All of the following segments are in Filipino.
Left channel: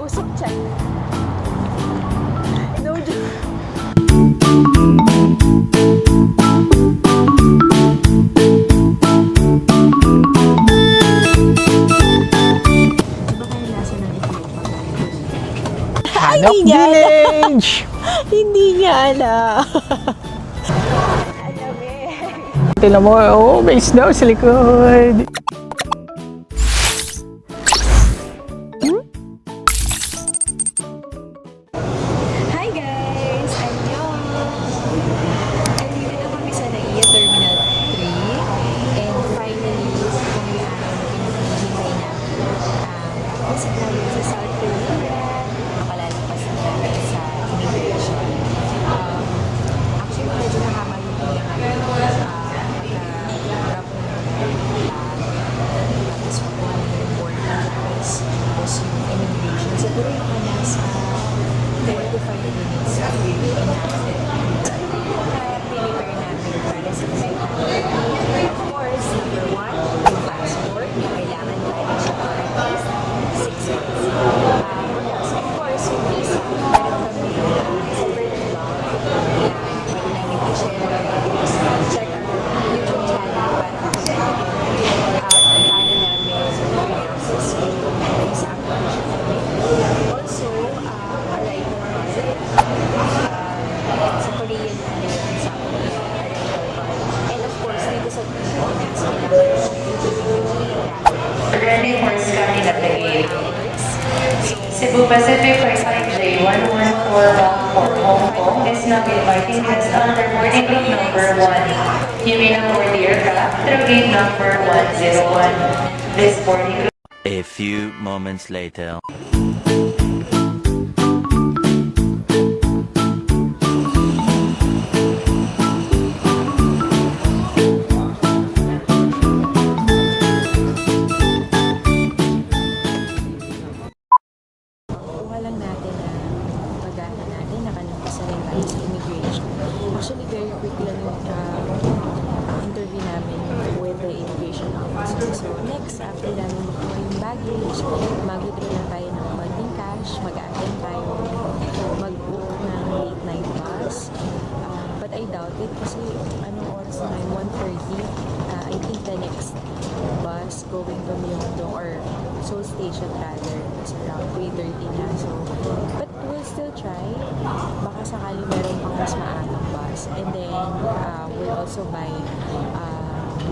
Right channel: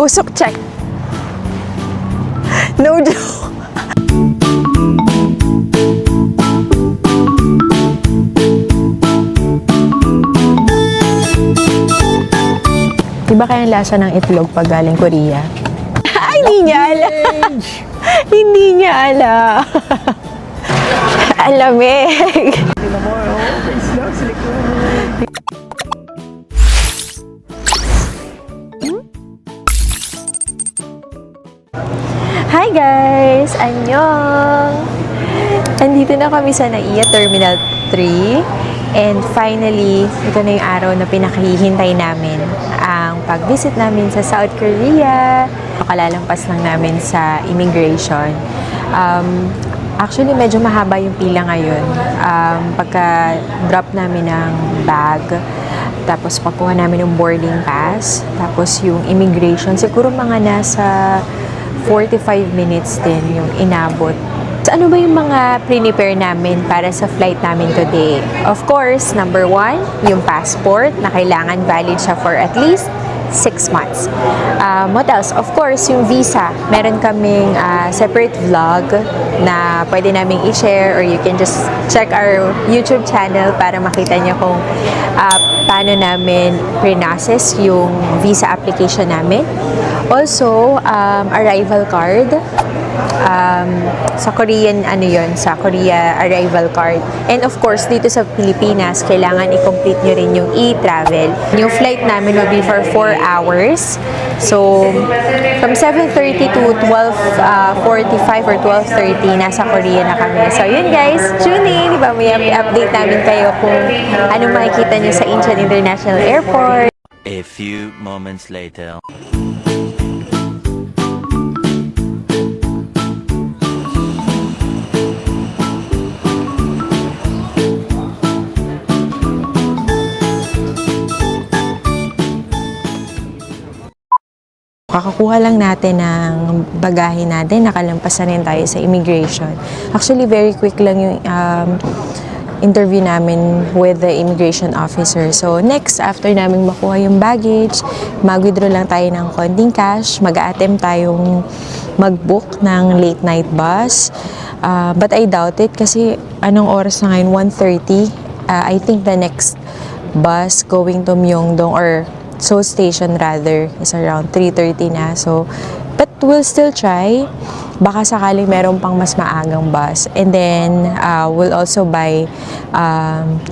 Usok check. No joke. Diba kaya lasa ng itlog pag galing Korea? Ay, hindi niya alam. Hindi niya alam. Alamig. Tinan mo, oh, may isda sa likod. Hi guys! Annyeong! Andito na kami sa NAIA Terminal 3 and finally, ito na yung araw na pinakahihintay namin ang pag-visit namin sa South Korea. Makalalampas lang namin sa immigration. Actually, medyo mahaba yung pila ngayon. Pagka-drop namin ng bag, tapos pagkuha namin ng boarding pass, tapos yung immigration, siguro mga nasa 45 minutes din yung inabot. So, ano ba yung mga prepare namin para sa flight namin today? Of course, number 1, yung passport na kailangan valid siya for at least 6 months. What else? Of course, yung visa. Meron kaming separate vlog na pwede naming i-share or you can just check our YouTube channel para makita nyo kung paano namin pre-process yung visa application namin. Also, arrival card. Sa Korean, sa Korea arrival card. And of course, dito sa Pilipinas, kailangan i-complete nyo rin yung e-travel. Yung flight namin will be for 4 hours. So, from 7:30 to 12:45 or 12:30, nasa Korea na kami. So, yun guys, tune in. Diba, may update namin kayo kung ano makikita nyo sa Incheon International Airport. A few moments later. Kakakuha lang natin ng bagahe natin, nakalampas na rin tayo sa immigration. Actually, very quick lang yung interview namin with the immigration officer. So, next, after namin makuha yung baggage, mag-withdraw lang tayo ng konting cash, mag-a-attempt tayong mag-book ng late night bus. But I doubt it kasi anong oras na ngayon? 1:30. I think the next bus going to Myeongdong or Seoul Station rather is around 3:30 na. So, but we'll still try. Baka sakaling meron pang mas maagang bus. And then, we'll also buy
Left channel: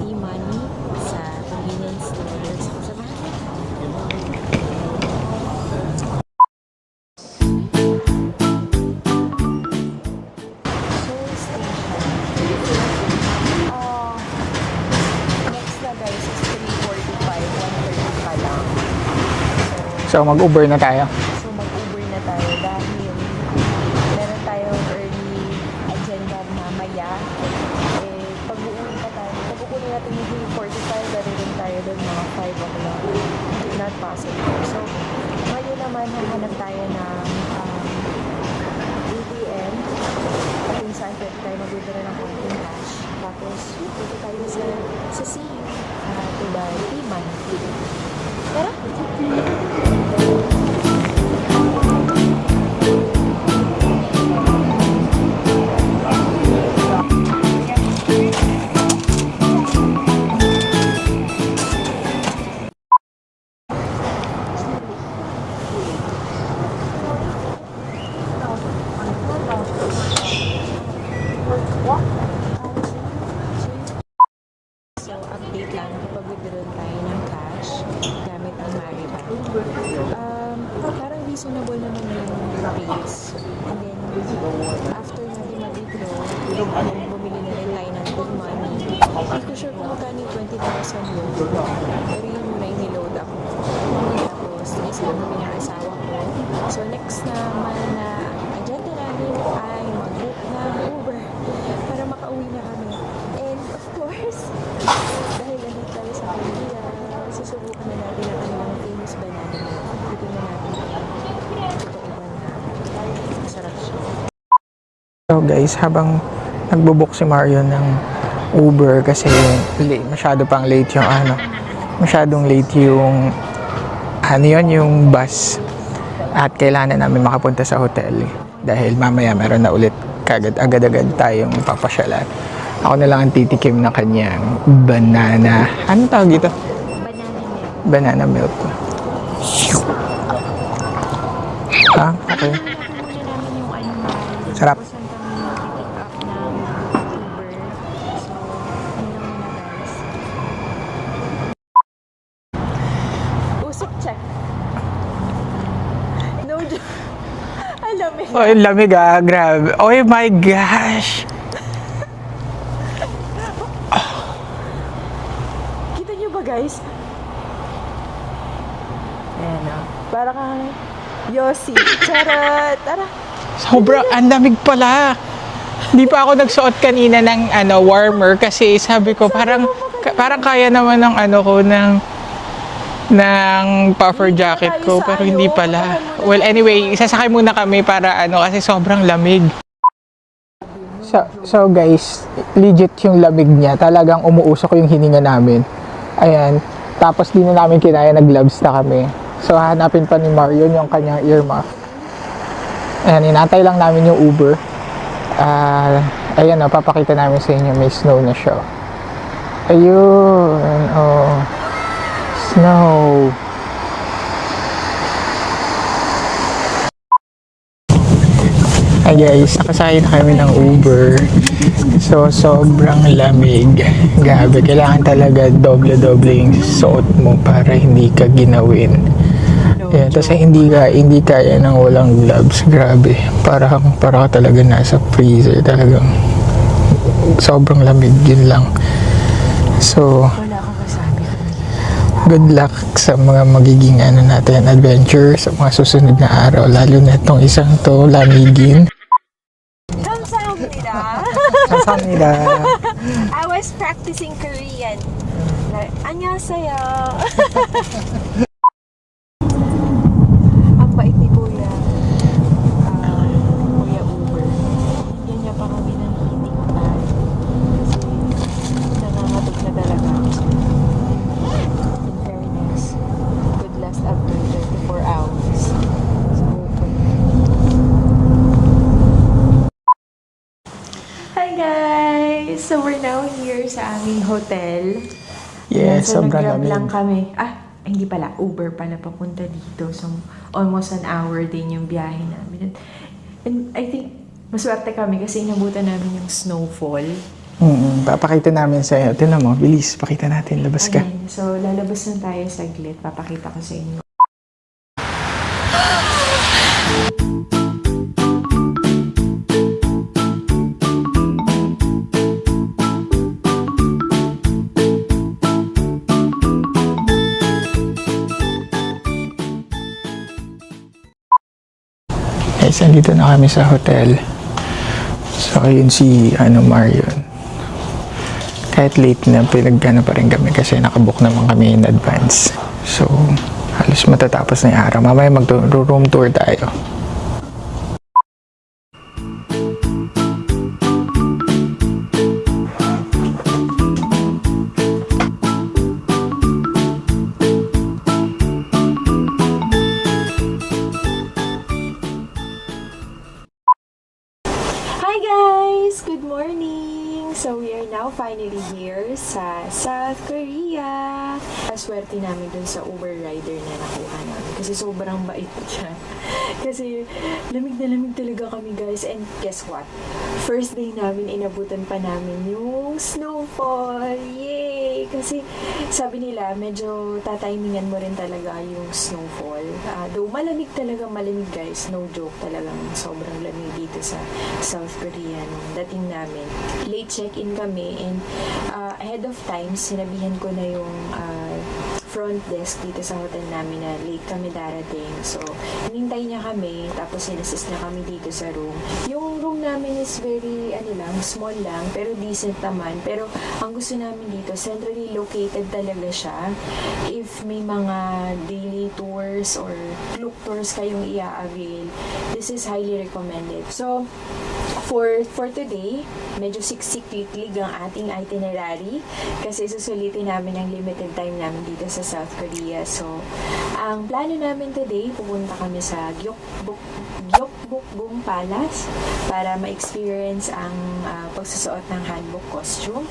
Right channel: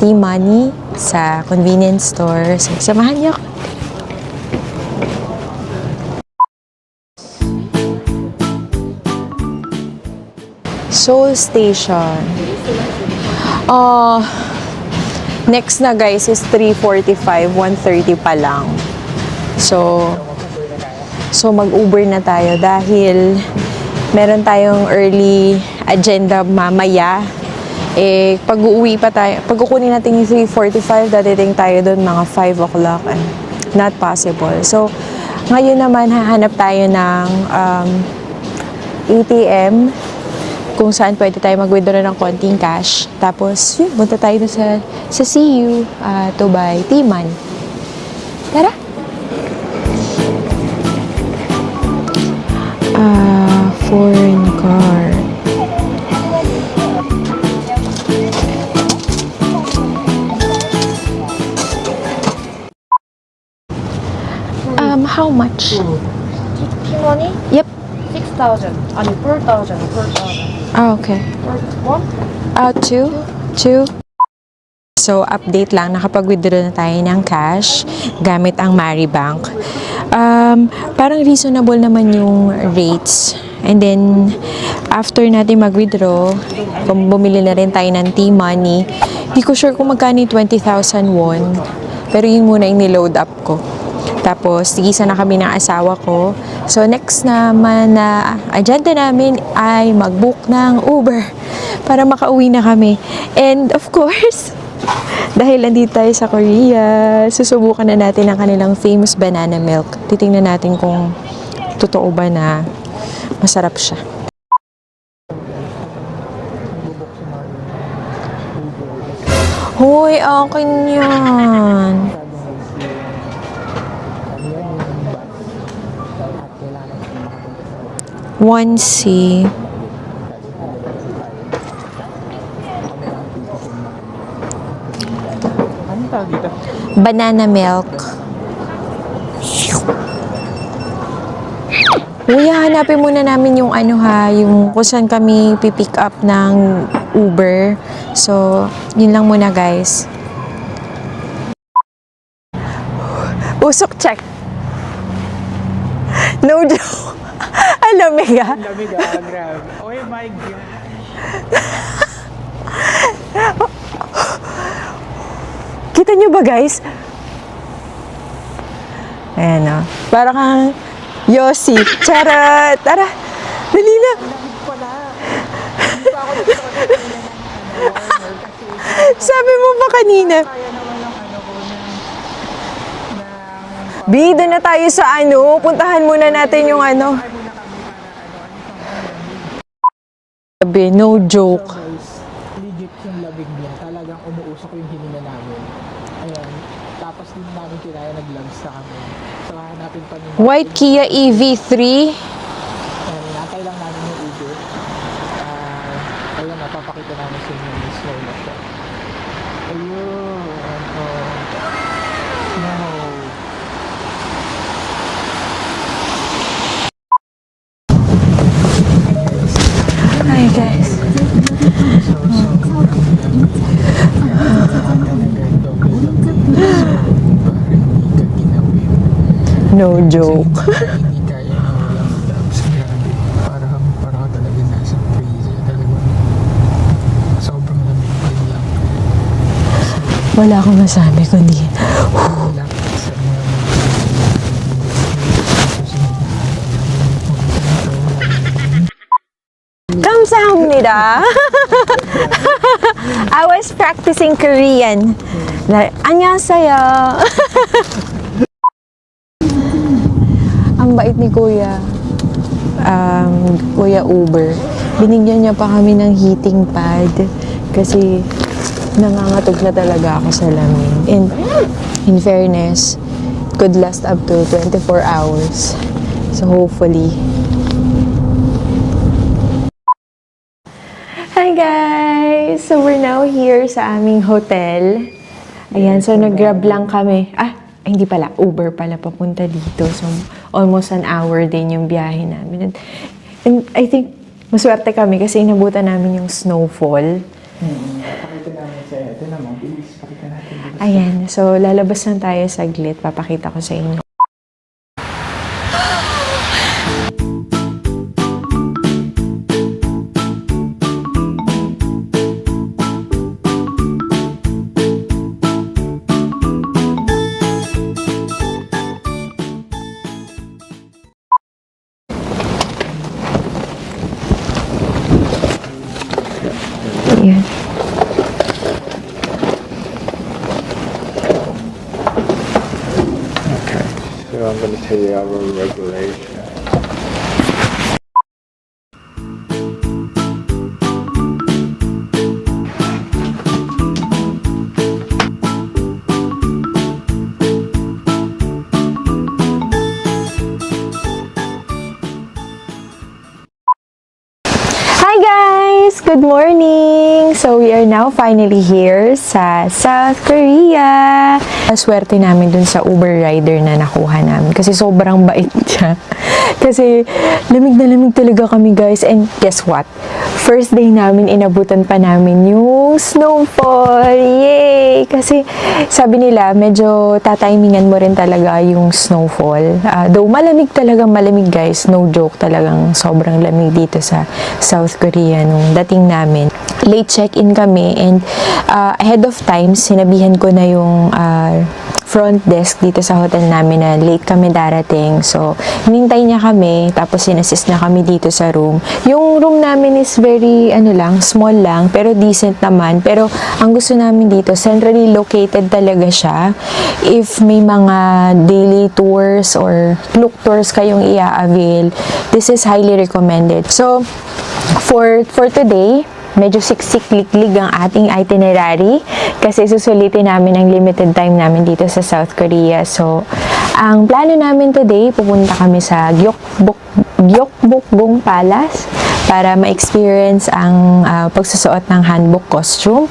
T-money sa convenience store. So, samahan niyo ako. Seoul Station. Next na guys is 3:45, 1:30 pa lang. So mag-Uber na tayo. So mag-Uber na tayo dahil meron tayong early agenda mamaya. Pag uuwi pa tayo, pag kukunin natin yung 3:45, dadating tayo doon mga 5 o'clock. Not possible. So ngayon naman hahanap tayo ng ATM kung saan pwede tayo mag-withdraw ng konting cash. Tapos, yun, punta tayo sa CU to buy T-money. Tara! Foreign car. How much? T-money? Yep. 6,000. 4,000. 4,000. Okay. What? Two. So, update lang, nakapag-withdraw na tayo ng cash gamit ang Maribank. Parang reasonable naman yung rates. And then, after natin mag-withdraw, kung bumili na rin tayo ng T-money, di ko sure kung magkano yung 20,000 won. Pero yun muna yung niload up ko. Tapos, tigisa na kami ng asawa ko. So, next naman na agenda namin ay mag-book ng Uber para makauwi na kami. And of course, dahil nandito tayo sa Korea, susubukan na natin ang kanilang famous banana milk. Titingnan natin kung totoo ba na masarap siya. So guys, habang nagbo-book si Mario ng Uber kasi masyado pang late yung masyadong late yung yung bus. At kailangan na namin makapunta sa hotel. 1C. Dahil mamaya meron na ulit agad-agad tayong papasyalan. Ako na lang ang titikim ng kanyang banana. Anong tawag dito? Banana milk. Banana milk. Ah, Kuya, hanapin muna namin yung yung Sarap. kung saan kami pipick up ng Uber. So, yun lang muna guys. Usok check. No joke. Alam mo oh, lamig grabe. Oh my gosh. Kita nyo ba guys? Ayan o. Para kang Yossi. Charot! Tara! Sobrang ang lamig pala. Hindi pa ako nagsuot kanina ng warmer kasi sabi ko Sabi parang mo pa kanina. parang kaya naman ng ng puffer Bida na jacket tayo ko, sa pero hindi pala. puntahan muna well, natin anyway, yung sasakay muna kami para kasi sobrang lamig. Sabi, no joke. So guys, legit yung lamig niya. Talagang umuusok yung hininga namin. Ayan. Tapos di na namin kinaya, nag-gloves na kami. So hanapin pa ni Marlon White yung Kia kanyang earmuff. EV3. Ayan, inantay lang namin yung Uber. Ayan, papakita namin sa inyo. May snow na siya. Ayun. Oh. Snow. Hi guys, pasaya kami ng Uber. So, sobrang lamig. Grabe, kailangan talaga doble-doble yung suot mo para hindi ka ginawin. No Ayan, joke. kasi hindi kaya ng walang gloves. Grabe. Para ka talaga nasa freezer. Talagang sobrang lamig. Yun lang. So, Wala akong masabi kundi. good luck sa mga magiging natin adventures sa mga susunod na araw. Lalo na itong isang to, lamigin. 감사합니다. Kasama I was practicing Korean. 안녕하세요. Ang bait ni Kuya. Kuya Uber. Binigyan niya pa kami ng heating pad kasi nangangatog na talaga ako sa lamig. And in fairness, could last up to 24 hours. So hopefully. Hi guys! So we're now here sa aming hotel. Ayan, Yes, so sobrang nag-grab lamig. lang kami. Hindi pala. Uber pala papunta dito. So almost an hour din yung biyahe namin. And I think maswerte kami kasi inabutan namin yung snowfall. Papakita namin sa iyo. Tignan mo, bilis. Pakita natin. Labas ka. Ayan. So lalabas lang tayo saglit. Papakita ko sa inyo. Guys, andito na kami sa hotel. So, yun si Mario. Ayan. Kahit late na, pinagana pa rin kami kasi nakabook naman kami in advance. So, halos matatapos na yung araw. Mamaya mag-room tour tayo. Hi guys! Good morning! So we are now finally here sa South Korea. Swerte namin dun sa Uber rider na nakuha namin kasi sobrang bait siya. Kasi lamig na lamig talaga kami guys, and guess what? First day namin, inabutan pa namin yung snowfall. Yay! Kasi sabi nila, medyo tatimingan mo rin talaga yung snowfall. Though malamig talaga, malamig guys. No joke, talagang sobrang lamig dito sa South Korea nung dating namin. Late check-in kami and ahead of time, sinabihan ko na yung front desk dito sa hotel namin na late kami darating. So, hinintay niya kami, tapos sinassist na kami dito sa room. Yung room namin is very, small lang, pero decent naman. Pero, ang gusto namin dito, centrally located talaga siya. If may mga daily tours or look tours kayong i-avail, this is highly recommended. So, for today, medyo siksik-liklig ang ating itinerary kasi susulitin namin ang limited time namin dito sa South Korea. So, Ang plano namin today, pupunta kami sa Gyeokbokgung Palace para ma-experience ang pagsusuot ng hanbok costume.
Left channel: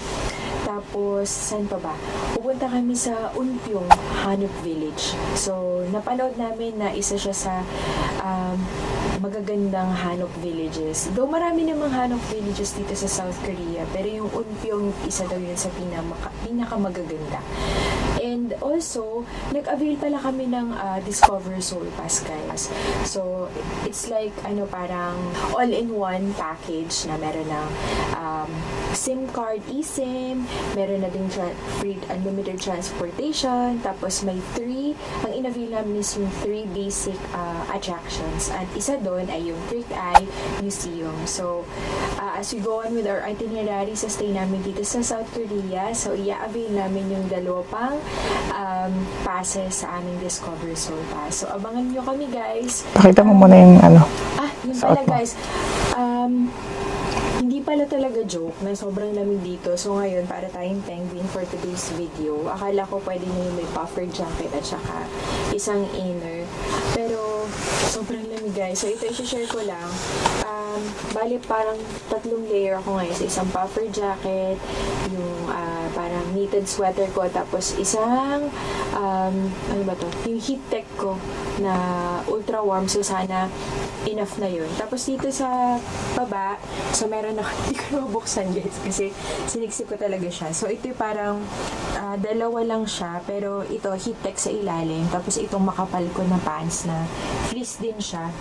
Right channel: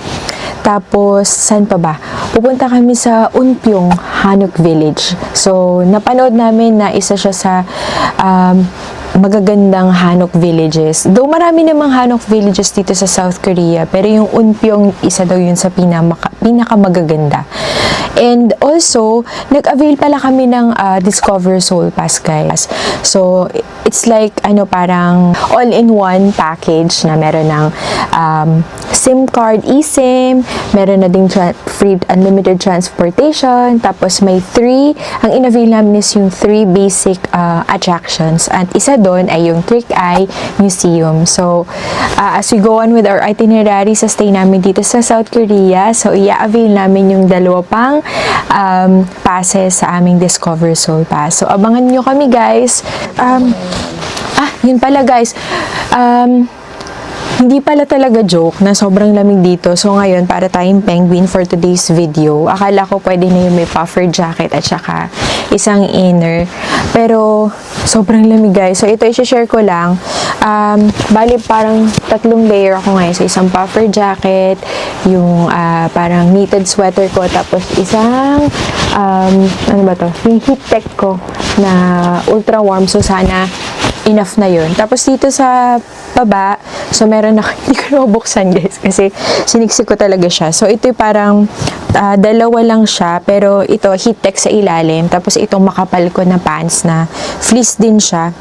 Tapos, saan pa ba? Pupunta kami sa Unpyong Hanok Village. So, napanood namin na isa siya sa magagandang Hanok villages. Though marami namang Hanok villages dito sa South Korea, pero yung Unpyong isa daw yun sa pinakamagaganda. And also, nag-avail pala kami ng Discover Seoul Pass, guys. So, it's like, parang all-in-one package na meron ng SIM card, eSIM, meron na ding free unlimited transportation, tapos may 3, ang in-avail namin is yung 3 basic attractions. At isa doon ay yung Trick Eye Museum. So, as we go on with our itinerary sa stay namin dito sa South Korea, so i-avail namin yung 2 pang passes sa aming Discover Seoul Pass. So, abangan nyo kami, guys. Pakita mo muna yung Yun pala, guys. Hindi pala talaga joke na sobrang lamig dito. So ngayon, para tayong penguin for today's video. Akala ko pwede na yung may puffer jacket at saka isang inner. Pero sobrang lamig, guys. So ito, i-share ko lang. Bali parang 3 layer ako ngayon. So isang puffer jacket, yung parang knitted sweater ko, tapos isang yung heat tech ko na ultra warm. So sana enough na yun. Tapos dito sa baba, so meron na, hindi ko na mabuksan, guys, kasi siniksik ko talaga siya. So ito parang 2 lang siya, pero ito heat tech sa ilalim. Tapos itong makapal ko na pants na fleece din siya.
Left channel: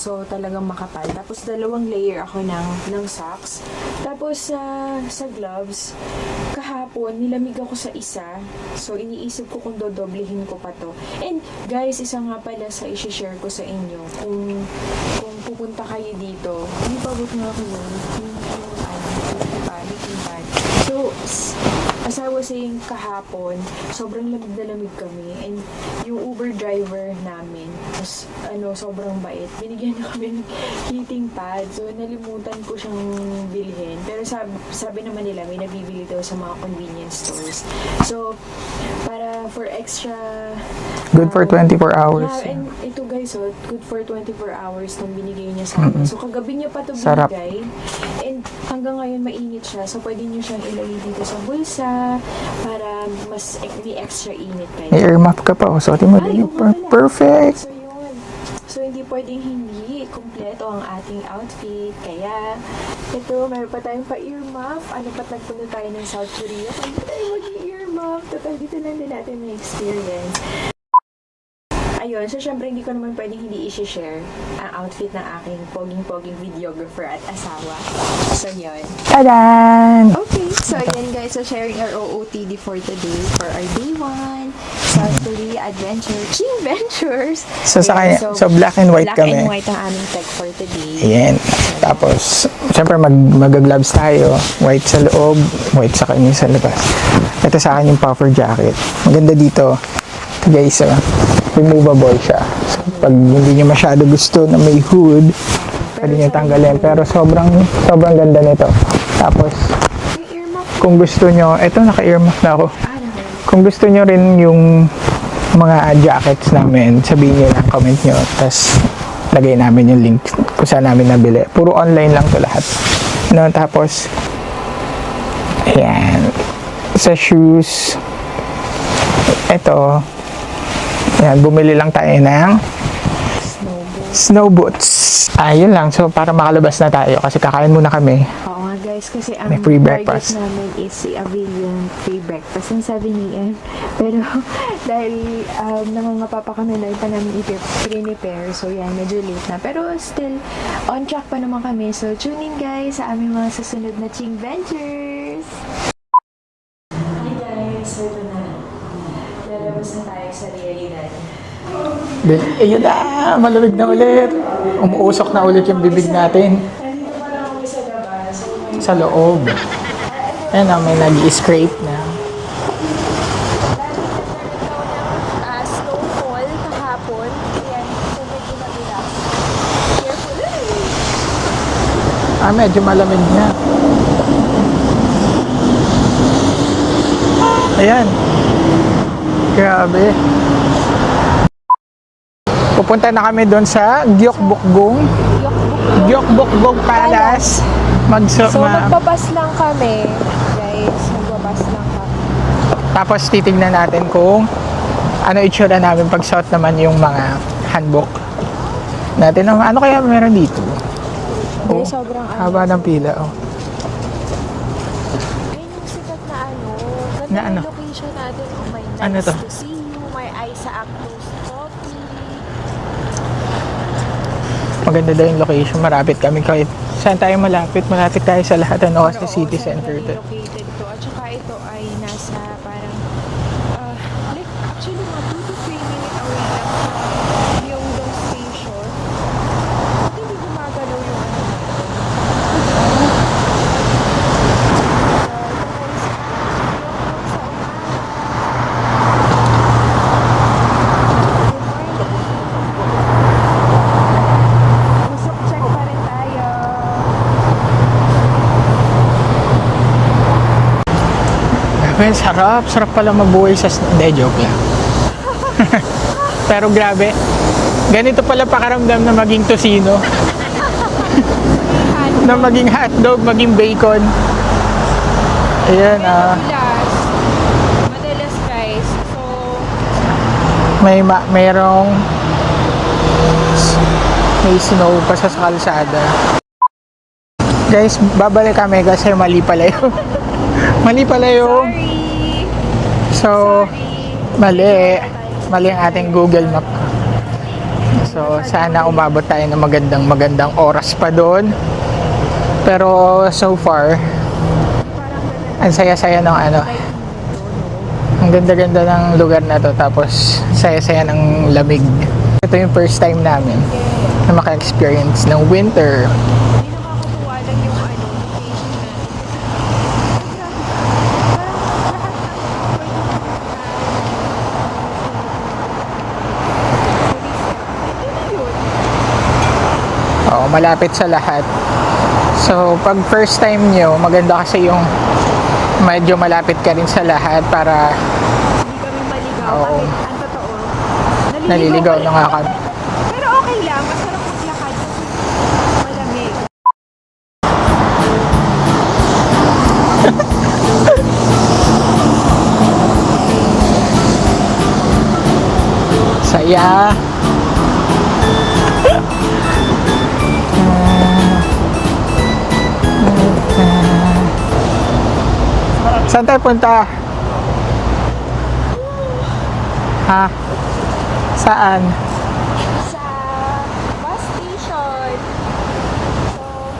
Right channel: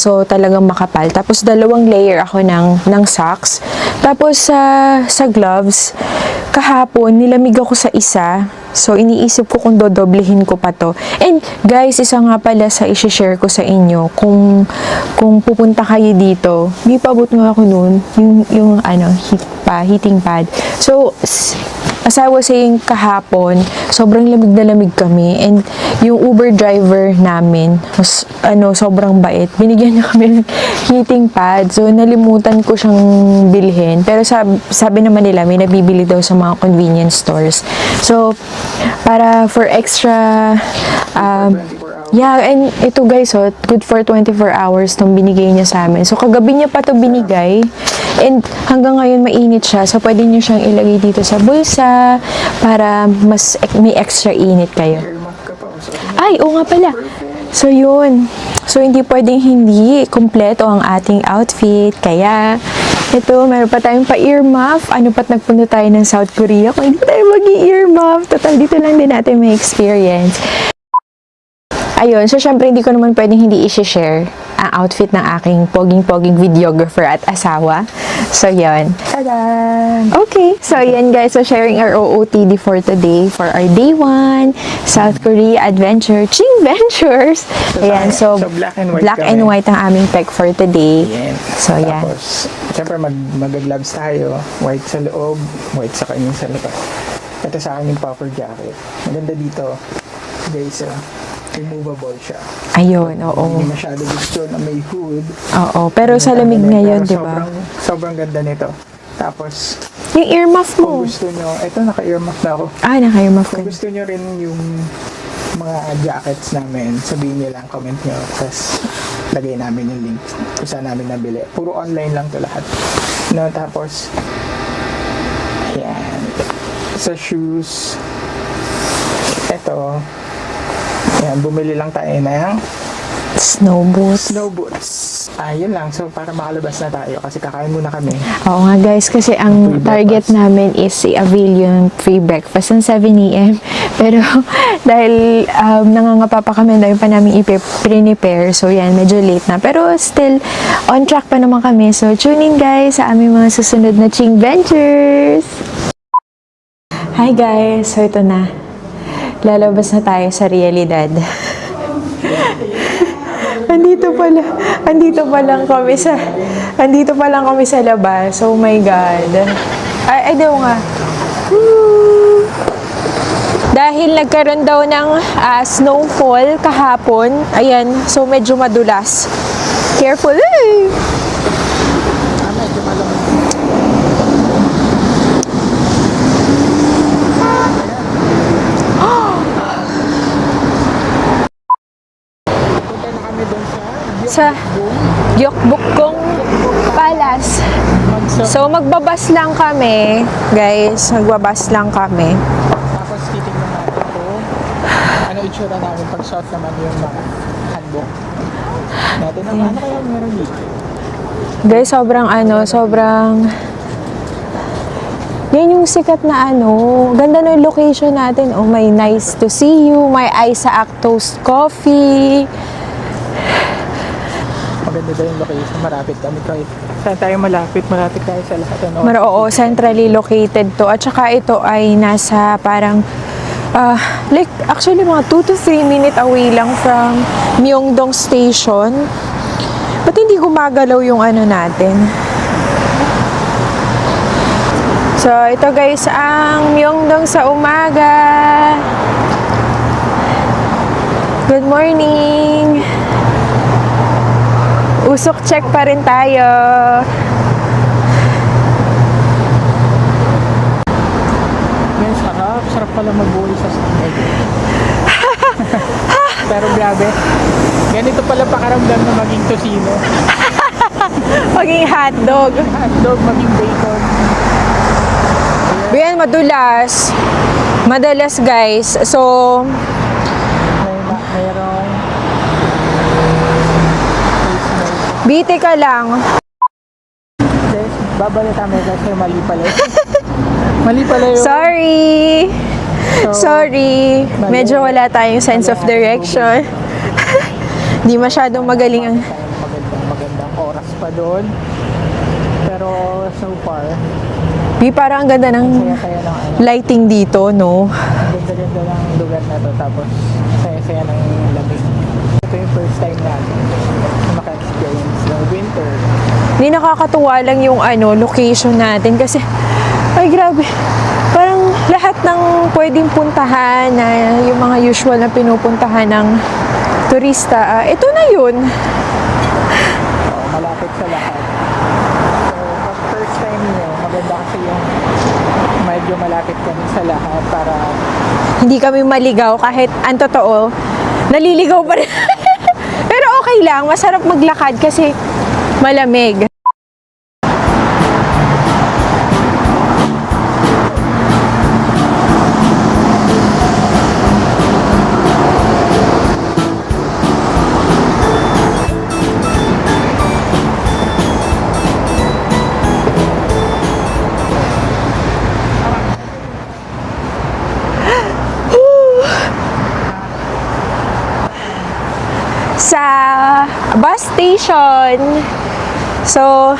So talagang makapal. Tapos 2 layer ako ng socks. Tapos sa gloves, kahapon nilamig ako sa isa. So, iniisip ko kung dodoblehin ko pa to. And, guys, isa nga pala sa isi-share ko sa inyo, kung pupunta kayo dito, hindi pa abot nga ako nun, yung heating pad. So, as I was saying kahapon, sobrang lamig na lamig kami. And, yung Uber driver namin, sobrang bait. Binigyan niya kami ng heating pad. So, nalimutan ko siyang bilhin. Pero sabi naman nila, may nabibili daw sa mga convenience stores. So, para for extra good for 24 hours. Yeah, and ito, guys, good for 24 hours tong binigay niya sa amin. So kagabi niya pa to binigay. And hanggang ngayon mainit siya. So pwede niyo siyang ilagay dito sa bulsa para mas may extra init kayo. May earmuff ka pa. Sorry, Ay, oo nga pala. Perfect. So yun. So hindi pwedeng hindi kompleto ang ating outfit. Kaya ito, meron pa tayong pa-earmuff. Ano pa't nagpunta tayo ng South Korea kung hindi tayo mag-earmuff? Total, dito lang din natin may experience. Ayun, so syempre hindi ko naman pwedeng hindi i-share ang outfit ng aking poging-poging videographer at asawa. So, yun. Tadan! Okay, so yan, guys. So, sharing our OOTD for today for our day 1 South Korea Adventure Ching Ventures. So, Ayan, so black and white black kami. and white ang aming tech for today. Ayan. So, yeah. Tapos, syempre mag-gloves tayo. White sa loob, white sa kanya sa labas. Ito sa akin yung puffer jacket. Maganda dito. Guys, removable siya. Ayun, Pag hindi niya masyado gusto na may hood. Oo, pero pwede sa lamig natanggalin. ngayon. Pero sobrang ganda nito. Tapos, yung earmuff mo. kung gusto nyo, ito naka-earmuff na ako. Naka-earmuff. Kung gusto nyo rin yung mga jackets namin, sabihin nyo lang, comment nyo. Tapos, lagay namin yung link kung saan namin nabili. Puro online lang to lahat. No, tapos, ayan. Sa shoes, ito, ayan, bumili lang tayo ng Snow boots. snow boots. Ayun lang. So, para makalabas na tayo kasi kakain muna kami. Oo nga, guys, kasi ang May free target breakfast. namin is i-avail yung free breakfast ng 7 a.m. Pero dahil nangangapa pa kami, dahil pa namin i-prepare. So yan, medyo late na. Pero still, on track pa naman kami. So tune in, guys, sa aming mga susunod na Ching Ventures. Hi guys! So ito na. Lalabas na tayo sa realidad. Ayun na, malamig na Andito ulit. pala. Andito Umuusok pa na lang ulit yung kami bibig sa natin. Andito pa lang kami sa labas. Oh my Sa God. loob. Ay, daw Ayun nga. na, may nag-scrape na. Dahil nagkaroon daw ng snowfall kahapon. Ayan, so medyo madulas. Careful eh. Medyo malamig na. Ayan. Grabe. Pupunta na kami doon sa Gyeongbokgung. Gyeongbokgung Gyeongbokgung Palace. So, magbabas lang kami, guys. Magbabas lang kami. Tapos titingnan natin kung ano itsura namin pag suot naman yung mga hanbok natin. Ano kaya meron dito? Guys, sobrang Haba ng sobrang... Yan yung sikat na Ganda ng location natin. Oh, may nice to? to see you. May Isaac Toast Coffee. Maganda daw yung location. Marapit kami kahit saan tayo malapit. Malapit tayo sa lahat ng Oo, city centrally center. located to. At saka ito ay nasa parang like actually mga 2 to 3 minute away lang from Myeongdong Station. Ba't hindi gumagalaw yung natin? So, ito guys, ang Myeongdong sa umaga. Good morning. Usok check pa rin tayo. Well, sarap. Sarap pala mabuhay sa... Hindi, joke lang. Pero grabe. Ganito pala pakaramdam na maging tosino. Maging Na hotdog. maging hotdog, maging bacon. Yan, madulas. Madalas guys. So, mayroong may snow pa sa biti ka kalsada. lang. Guys, babalik kami kasi mali pala yun. Mali pala yun. Sorry. So, Sorry. mali. Medyo wala tayong sense Mali of ang ating direction. Hindi masyadong magaling. Sana umabot tayo ng magandang oras pa doon. Pero so far, Di parang ang ganda ng ang saya-saya ng lighting dito, no? Ang ganda-ganda ng lugar na to, tapos saya-saya ng lamig. Ito yung first time namin na maka-experience ng winter. Hindi nakakatuwa lang yung location natin kasi ay grabe. Parang lahat ng pwedeng puntahan na yung mga usual na pinupuntahan ng turista, ito na yun. Oo, malapit sa lahat. So, pag first time nyo, maganda kasi yung medyo malapit ka rin sa lahat para Hindi kami maligaw kahit ang totoo. Naliligaw pa rin. na nga kami. Pero okay lang, masarap maglakad kasi malamig. Saya. Saan tayo punta? Ha? Saan? Sa bus station. So,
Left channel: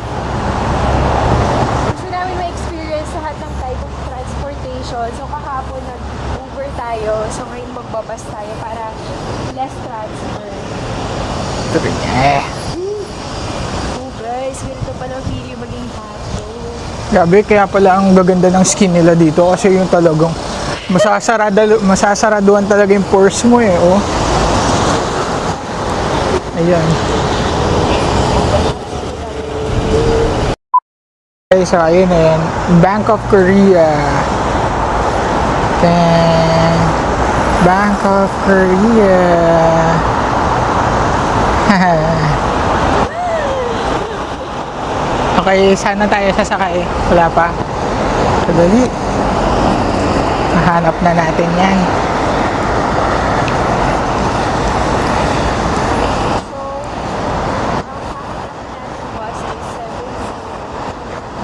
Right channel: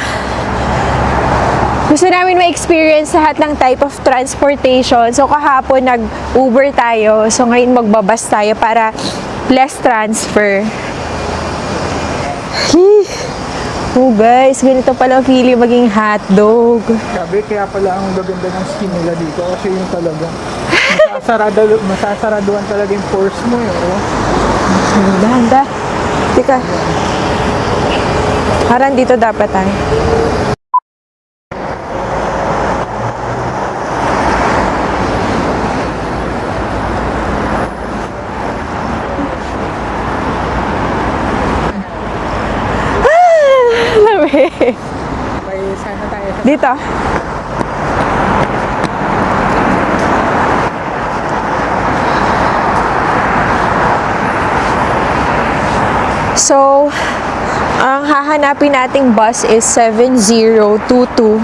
gusto namin ma-experience lahat ng type of transportation. So, kahapon nag-Uber tayo. So, ngayon magbabas tayo para less transfer. Oh guys, ganito pala feeling maging hotdog. Grabe, kaya pala ang gaganda ng skin nila dito kasi yung talagang masasaraduhan talaga yung pores mo eh. Oh. Ang ganda. Teka, Ayan. parang dito dapatan. Okay, so ayun na yan. Bank of Korea. Then, Bank of Korea. Okay, sana tayo sasakay. Dito. Wala pa. Dali. Hanap na natin yan. So, ang hahanapin nating bus is 7022.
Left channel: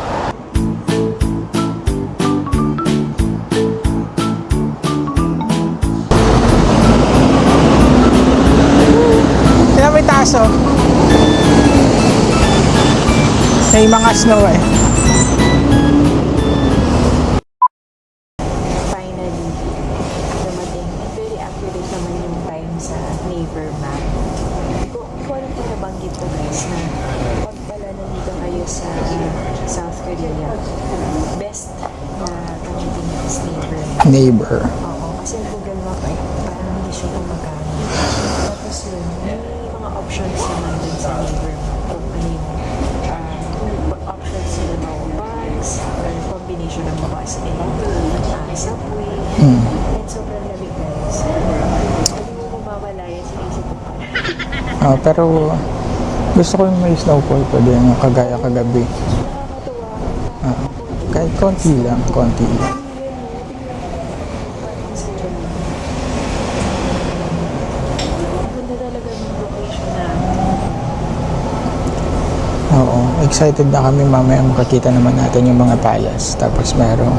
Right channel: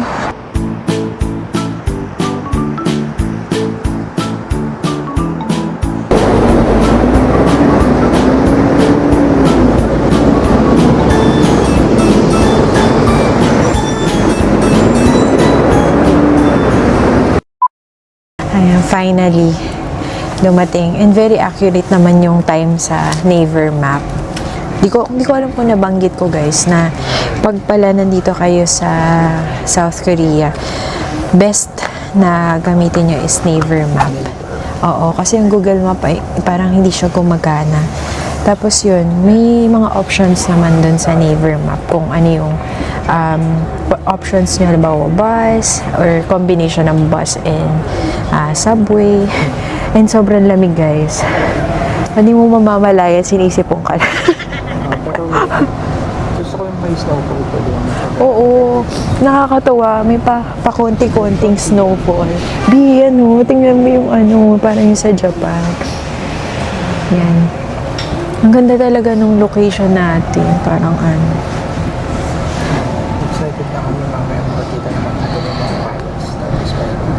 Kaya may taso. May mga snow eh. Ayan, finally, dumating. And very accurate naman yung time sa Naver map. Hindi ko alam kung nabanggit ko guys na pag pala nandito kayo sa South Korea, best na gamitin nyo is Naver map. Neighbor. Oo, kasi ang Google Map ay parang hindi siya gumagana. Tapos yun, may mga options naman dun sa Naver Map kung ano yung options nyo, halimbawa bus or combination ng bus and subway. And sobrang lamig guys. Hindi mo mamamalaya, sinisipong ka. Pero gusto ko yung may snowfall pa din kagabi. Oo, nakakatawa. May pakonti-konting Konti lang, snowfall. konti. Di, tingnan mo yung parang yung sa Japan. Yan. Ang ganda talaga nung location natin. Parang Oo, excited na kami mamaya makakita naman natin yung mga talas. Tapos merong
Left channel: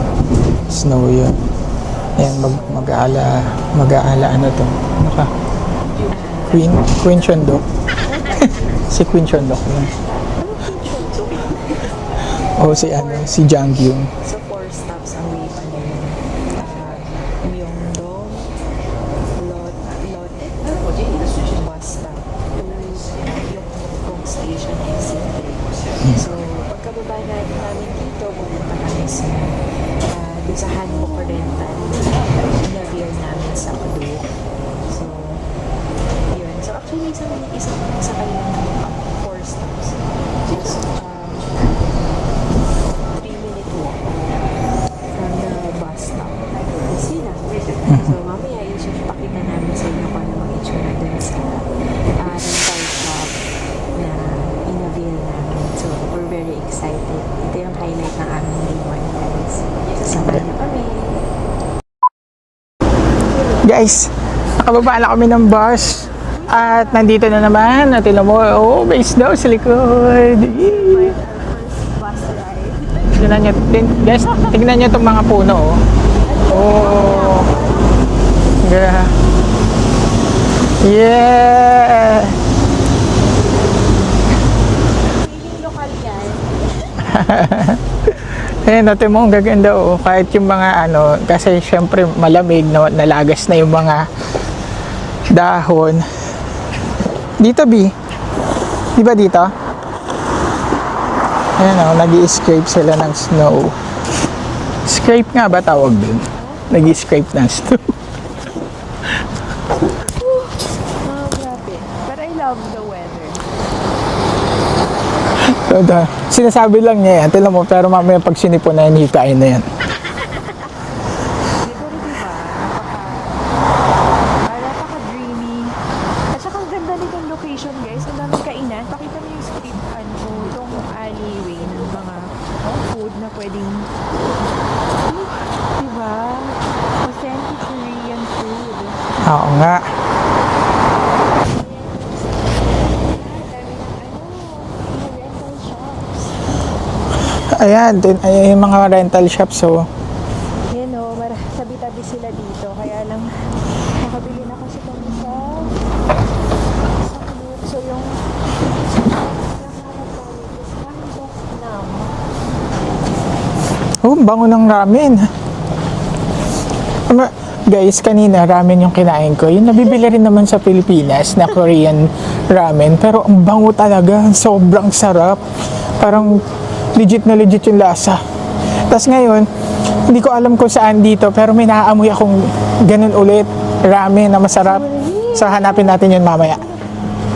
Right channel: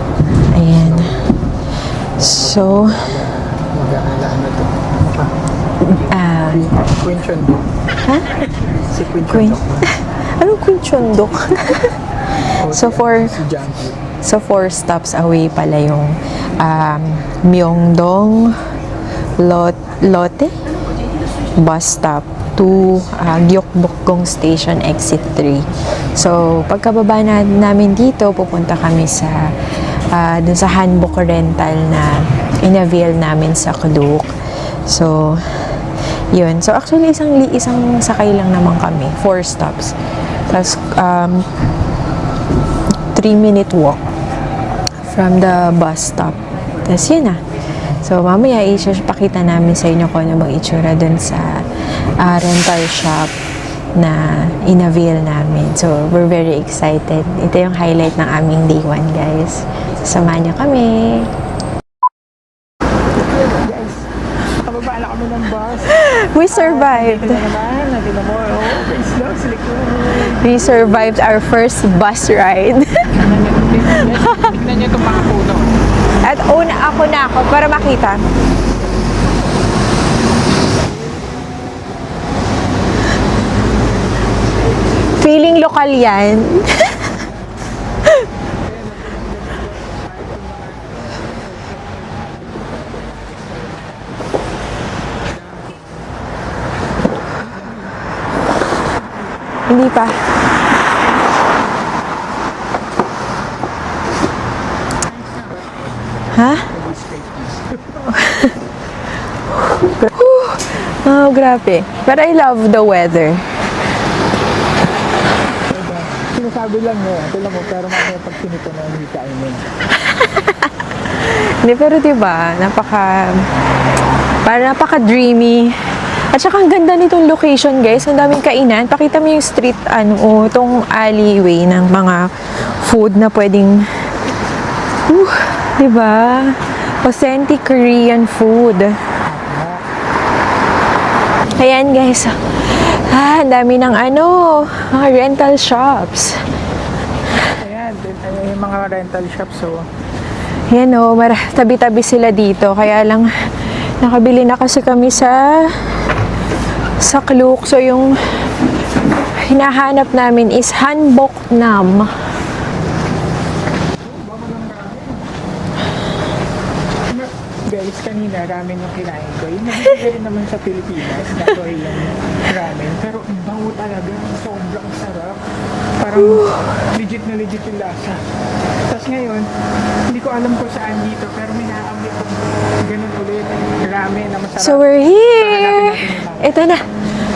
Ayan. snow yun. Ayan, So, mag-aala ano to? Queen Chondok. ha? Si Queen Chondok yun. Anong Queen Chondok? O So, si Jangyung. So, 4 stops away pala yung Myeongdong Lotte bus stop to Gyeokbokgung Station Exit 3. So, pagkababa namin dito, pupunta kami sa dun sa Hanbok rental na in-avail namin sa Klook. So, yun. So, actually, isang sakay lang naman kami. 4 stops. Tapos, 3-minute walk from the bus stop. Tapos, yun na. So, mamaya, pakita namin sa inyo kung ano bang itsura dun sa rental shop na in-avail namin. So, we're very excited. Ito yung highlight ng aming day 1, guys. Samahan niyo kami. Guys, nakababa na kami ng bus. We At survived. nandito na naman. At mo, may snow sa likod. We survived our first bus ride. Guys, tignan nyo itong mga puno. At ako na ako para makita. Yeah! Feeling lokal yan. Ayan, natin mo, ang gaganda oh. Kahit yung mga kasi syempre malamig, nalagas na yung mga dahon. Dito, B. Di ba dito? Hindi pa. Ayan oh, nag-i-scrape sila ng snow. Scrape nga ba tawag din? Ha? Nag-i-scrape ng snow. Oh, grabe. But I love the weather. Sinasabi lang niya yan. Tila mo, pero mamaya pag sinipon na yan, hikain na yan. Hindi, pero diba, napaka-dreamy. At saka ang ganda nitong location, guys. Ang daming kainan. Pakita mo yung street, itong alleyway ng mga food na pwedeng, diba? Authentic Korean food. Oo nga. Ayan, guys. Ang dami ng mga rental shops. Ayan, ayan yung mga rental shops. So, Yan tabi-tabi sila dito. Kaya lang, nakabili na kasi kami sa Klook. So, yung hinahanap namin is Hanbok Nam. bango ng ramen. Guys, kanina ramen yung kinain ko. Yung nabibili rin naman sa Pilipinas na Korean ramen. Pero ang bango talaga. Sobrang sarap. Parang legit na legit yung lasa. Tapos ngayon, hindi ko alam kung saan dito. Pero may naaamoy akong ganun ulit. Ramen na masarap. So, we're here! So, hanapin natin yun mamaya. Ito na.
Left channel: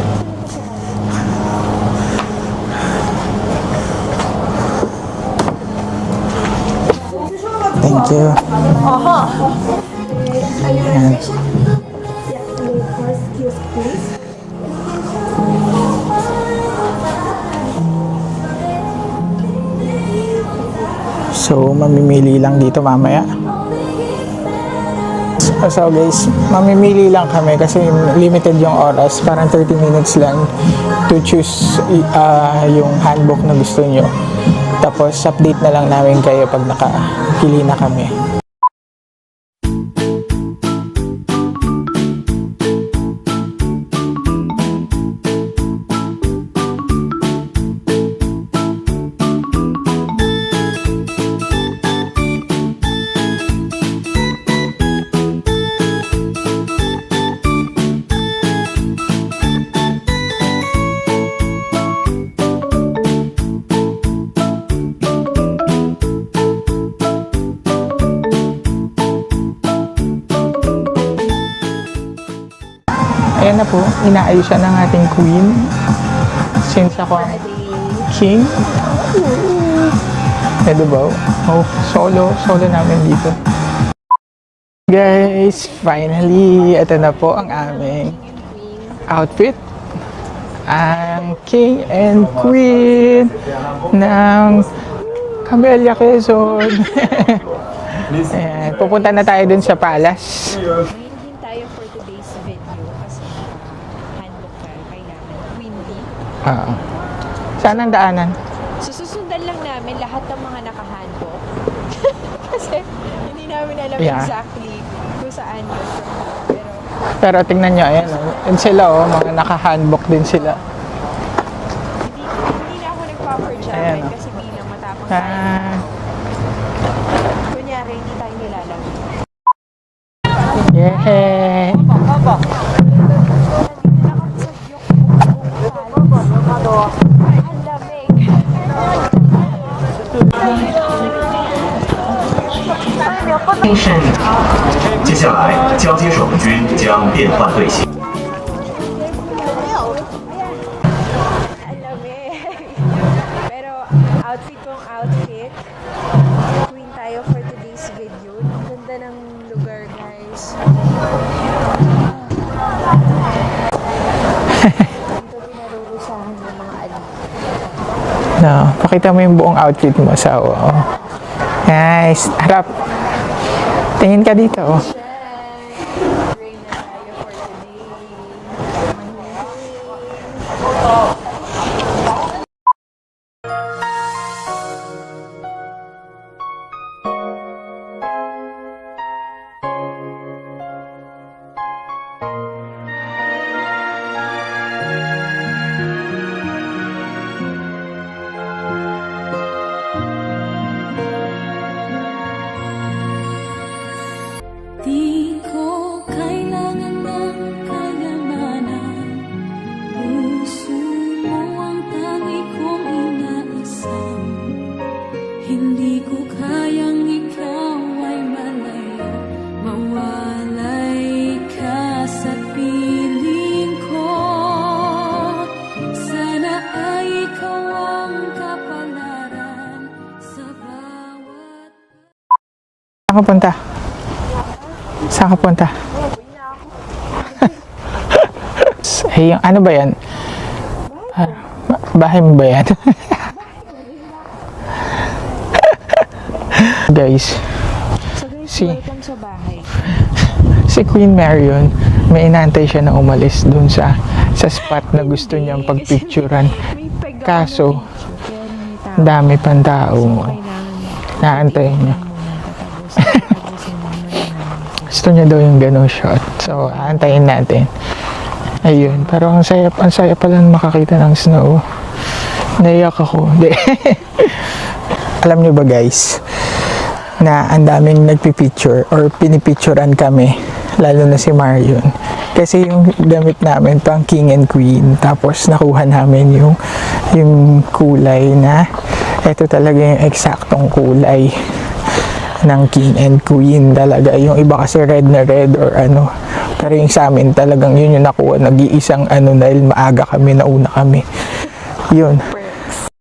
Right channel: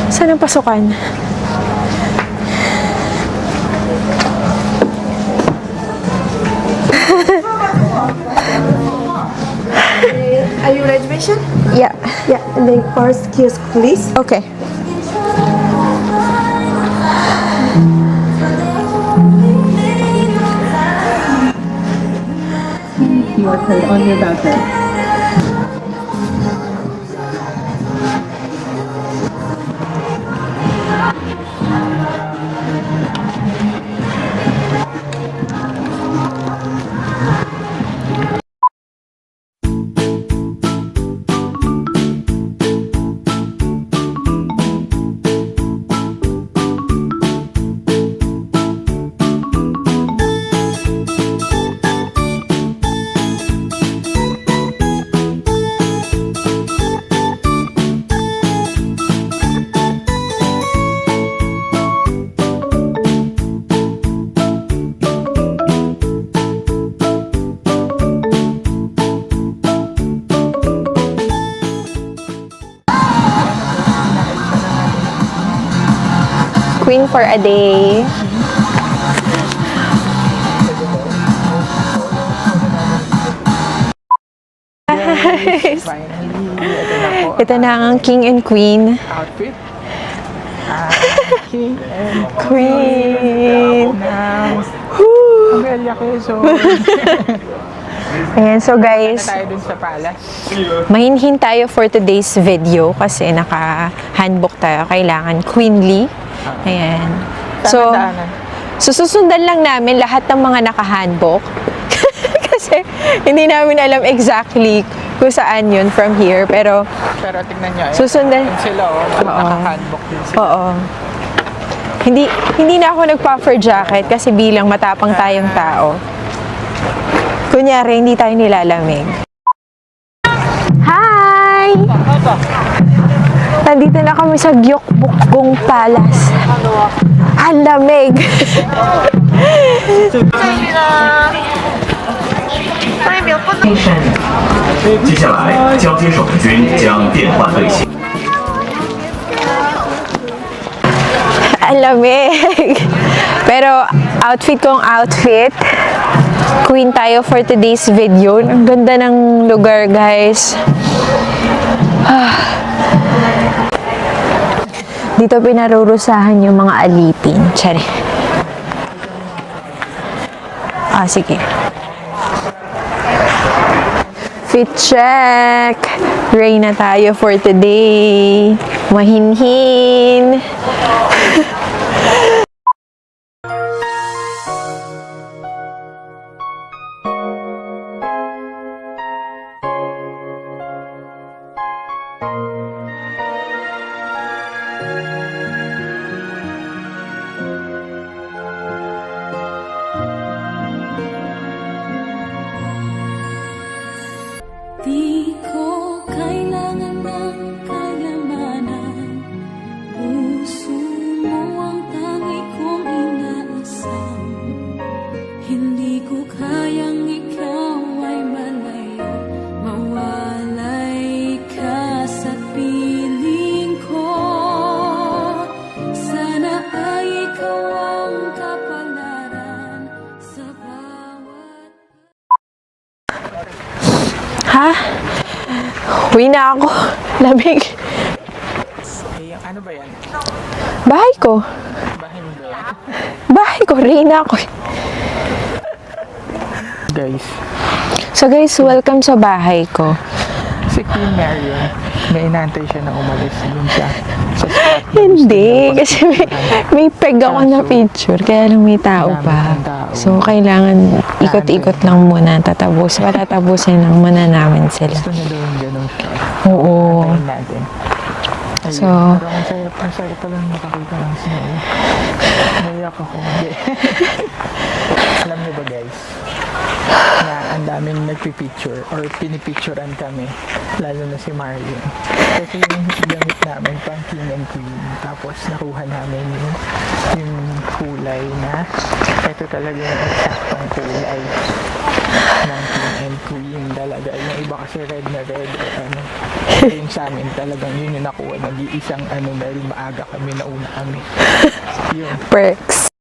Saan ang pasukan? Thank you. Are you reservation? Yeah. Yeah. And then first kiosk, please. Okay. So, mamimili lang dito mamaya. On your buzzer. So guys, mamimili lang kami kasi limited yung oras. Parang 30 minutes lang to choose yung handbook na gusto nyo. Tapos update na lang namin kayo pag nakapili na kami. Ayan na po, inaayusan ng ating queen. Since Queen ako- for a day. King. Pwede ba? Oh, solo namin dito. Guys, Finally, ito na po. Ito na ang King and Queen. Outfit. King and Queen ng Camellia Quezon. Ayan, so Pupunta na guys, tayo dun sa palace. mahinhin tayo for today's video kasi naka-handbook tayo. Kailangan queenly. Ayan. Saan ang daanan? So, susundan lang namin lahat ng mga naka-handbook. Kasi hindi namin alam exactly kung saan yun from here. Pero, Pero tingnan nyo, ayan. Susundan. Yun sila, naka-handbook din sila. oo. Hindi na ako nag-puffer jacket kasi bilang matapang tayong tao. Kunyari, hindi tayo nilalamig. Hi! Nandito na kami sa Gyeokbokgung Palace. Ang lamig! 接下来交接手的军将变换队形。 Ang lamig! Pero outfit kong outfit. Queen tayo for today's video. Ang ganda ng lugar, guys. Dito pinarurusahan yung mga alipin. Tsari. No, pakita mo yung buong outfit mo sa Sige. Nice. Harap. Tingin ka dito. Fit check! Rain na tayo for today. Mahinhin. Di ko kailangan ng kayamanan. Puso mo ang tangi kong inaasam. Hindi ko kayang ikaw ay malayo. Mawalay ka sa piling ko. Sana ay ikaw ang kapalaran sa bawat... Saan ka punta? Ha? Saan ka punta? Uwi na ako. Lamig. Hey, ano ba yan? Bahay ko. Bahay mo ba yan? Bahay ko. Rain na ako. Guys, So guys, welcome sa bahay ko. si Queen Marion, may inaantay siya na umalis dun sa spot na gusto niyang Kasi pagpicturean. may peg ako na Kaso, picture, kaya lang may tao dami pa. pang tao. So, kailangan ikot-ikot Naantay. lang muna. Tatapusin lang muna namin sila. Gusto niya daw yung ganong shot. So, Oo. antayin natin. Ayun, So, pero ang saya pala makakita ng snow. Naiyak ako. Hindi. Alam niyo ba guys, na ang daming nagpipicture or pinipicturean kami, lalo na si Marion. Kasi yung gamit namin pang King and Queen, tapos nakuha namin yung kulay na ito talaga yung eksaktong kulay ng King and Queen talaga. Yung iba kasi red na red or ano. Pero yung sa amin talagang yun yung nakuha. Nag-iisang ano dahil maaga kami, nauna kami. Yun. perks.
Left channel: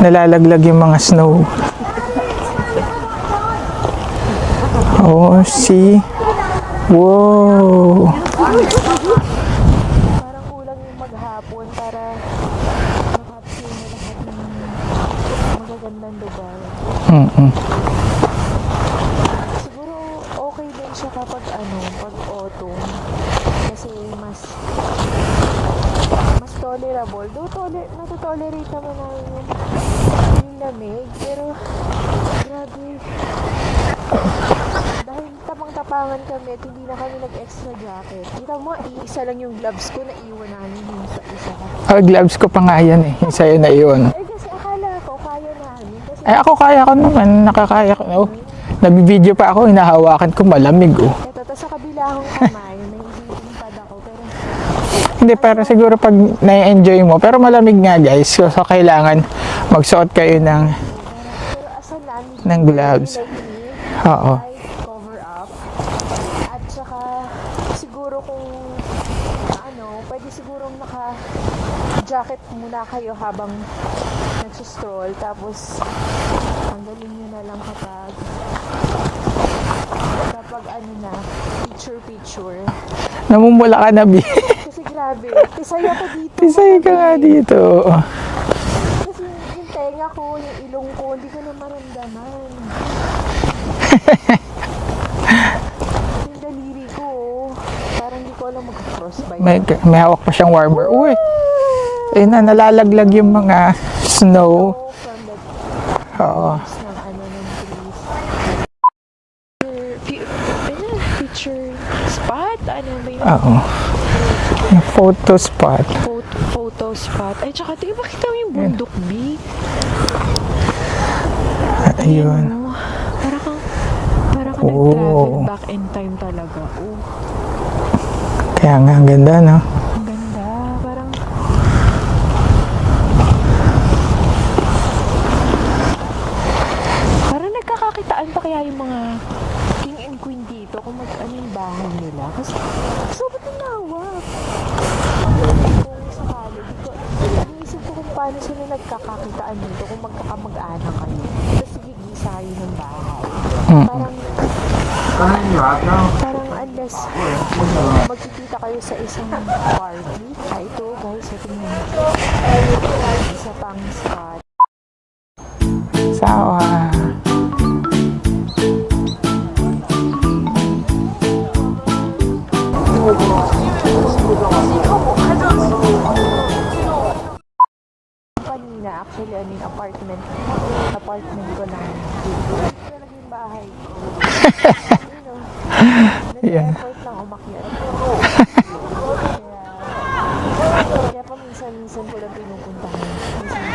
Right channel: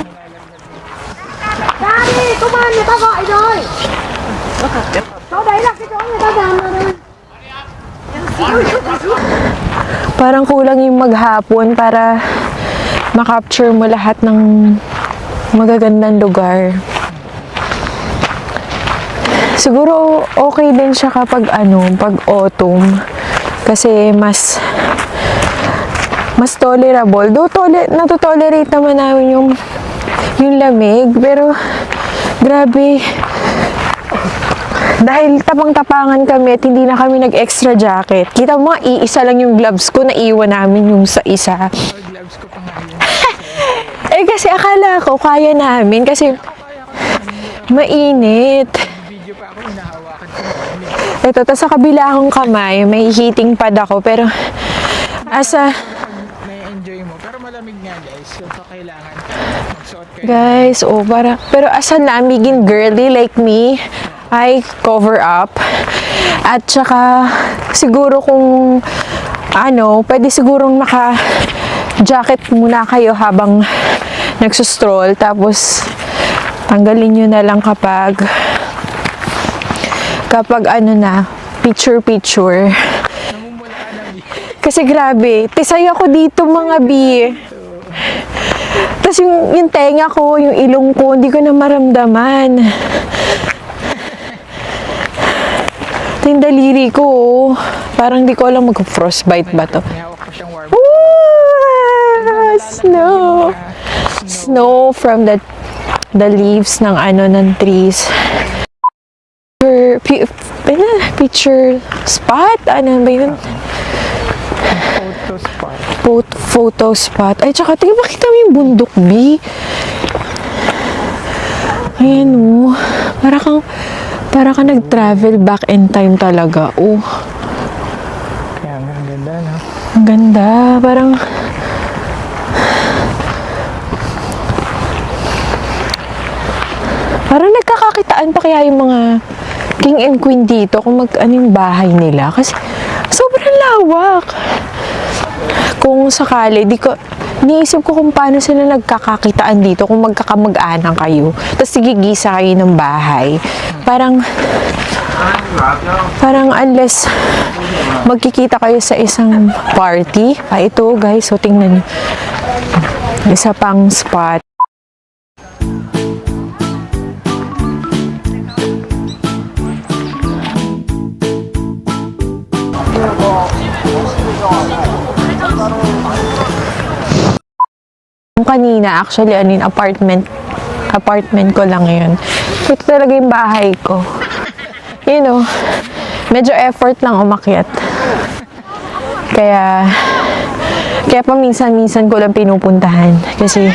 Nalalaglag yung mga snow. Oh, see? Wow! Parang kulang yung maghapon para makapture mo lahat ng magagandang lugar. Siguro okay din siya kapag pag autumn. Kasi mas tolerable. Though natotolerate naman namin yung lamig. Pero grabe. Dahil tapang-tapangan kami at hindi na kami nag-extra jacket. Kita mo, iisa lang yung gloves ko, naiwan namin yung sa isa. Oh, gloves ko pa nga yan. Sa'yo na yun. Kasi akala ko kaya namin kasi Ako kaya ko naman. Nakakaya mainit. ko. Nag-video pa ako, hinahawakan ko, malamig eh. Ito, tapos sa kabila akong kamay, may heating pad ako, pero Hindi, pero siguro pag na-enjoy mo. Pero malamig nga guys. So kailangan magsuot kayo ng... guys, pero as a lamiging ng girly gloves. like me, Oo. I cover up. At saka, siguro kung pwede sigurong jacket muna kayo habang nagsustroll. Tapos, tanggalin nyo na lang kapag picture. Namumula ka na, Bi. Kasi grabe, tisay ako dito Isay mga ka bi. na dito. Tapos yung tenga ko, yung ilong ko, hindi ko na maramdaman. Ito yung daliri ko, oh. Parang di ko alam mag-frostbite ba to. May hawak pa siyang warmer. Uy! Eh na, nalalaglag yung mga snow. Snow from the leaves ng ng trees. Picture spot? Ano ba yun? Oo. Photo spot. Photo spot. Ay, tsaka tingnan, makita mo yung bundok, B. Ayun, oh. Para kang nag-travel back in time talaga. Oh, Kaya nga, ang ganda, no? ang ganda. Parang nagkakakitaan pa kaya yung mga king and queen dito kung ano yung bahay nila. Kasi sobrang lawak. Kung sakali, niisip ko kung paano sila nagkakakitaan dito kung magkakamag-anak kayo. Tapos sigigisa kayo ng bahay. Parang unless magkikita kayo sa isang party. Ito guys, so tingnan niyo. Isa pang spot. Sawa. Kanina, actually, yung apartment ko lang yun. Ito talaga yung bahay ko. You know, medyo effort lang umakyat. Kaya paminsan-minsan ko lang pinupuntahan. Kasi,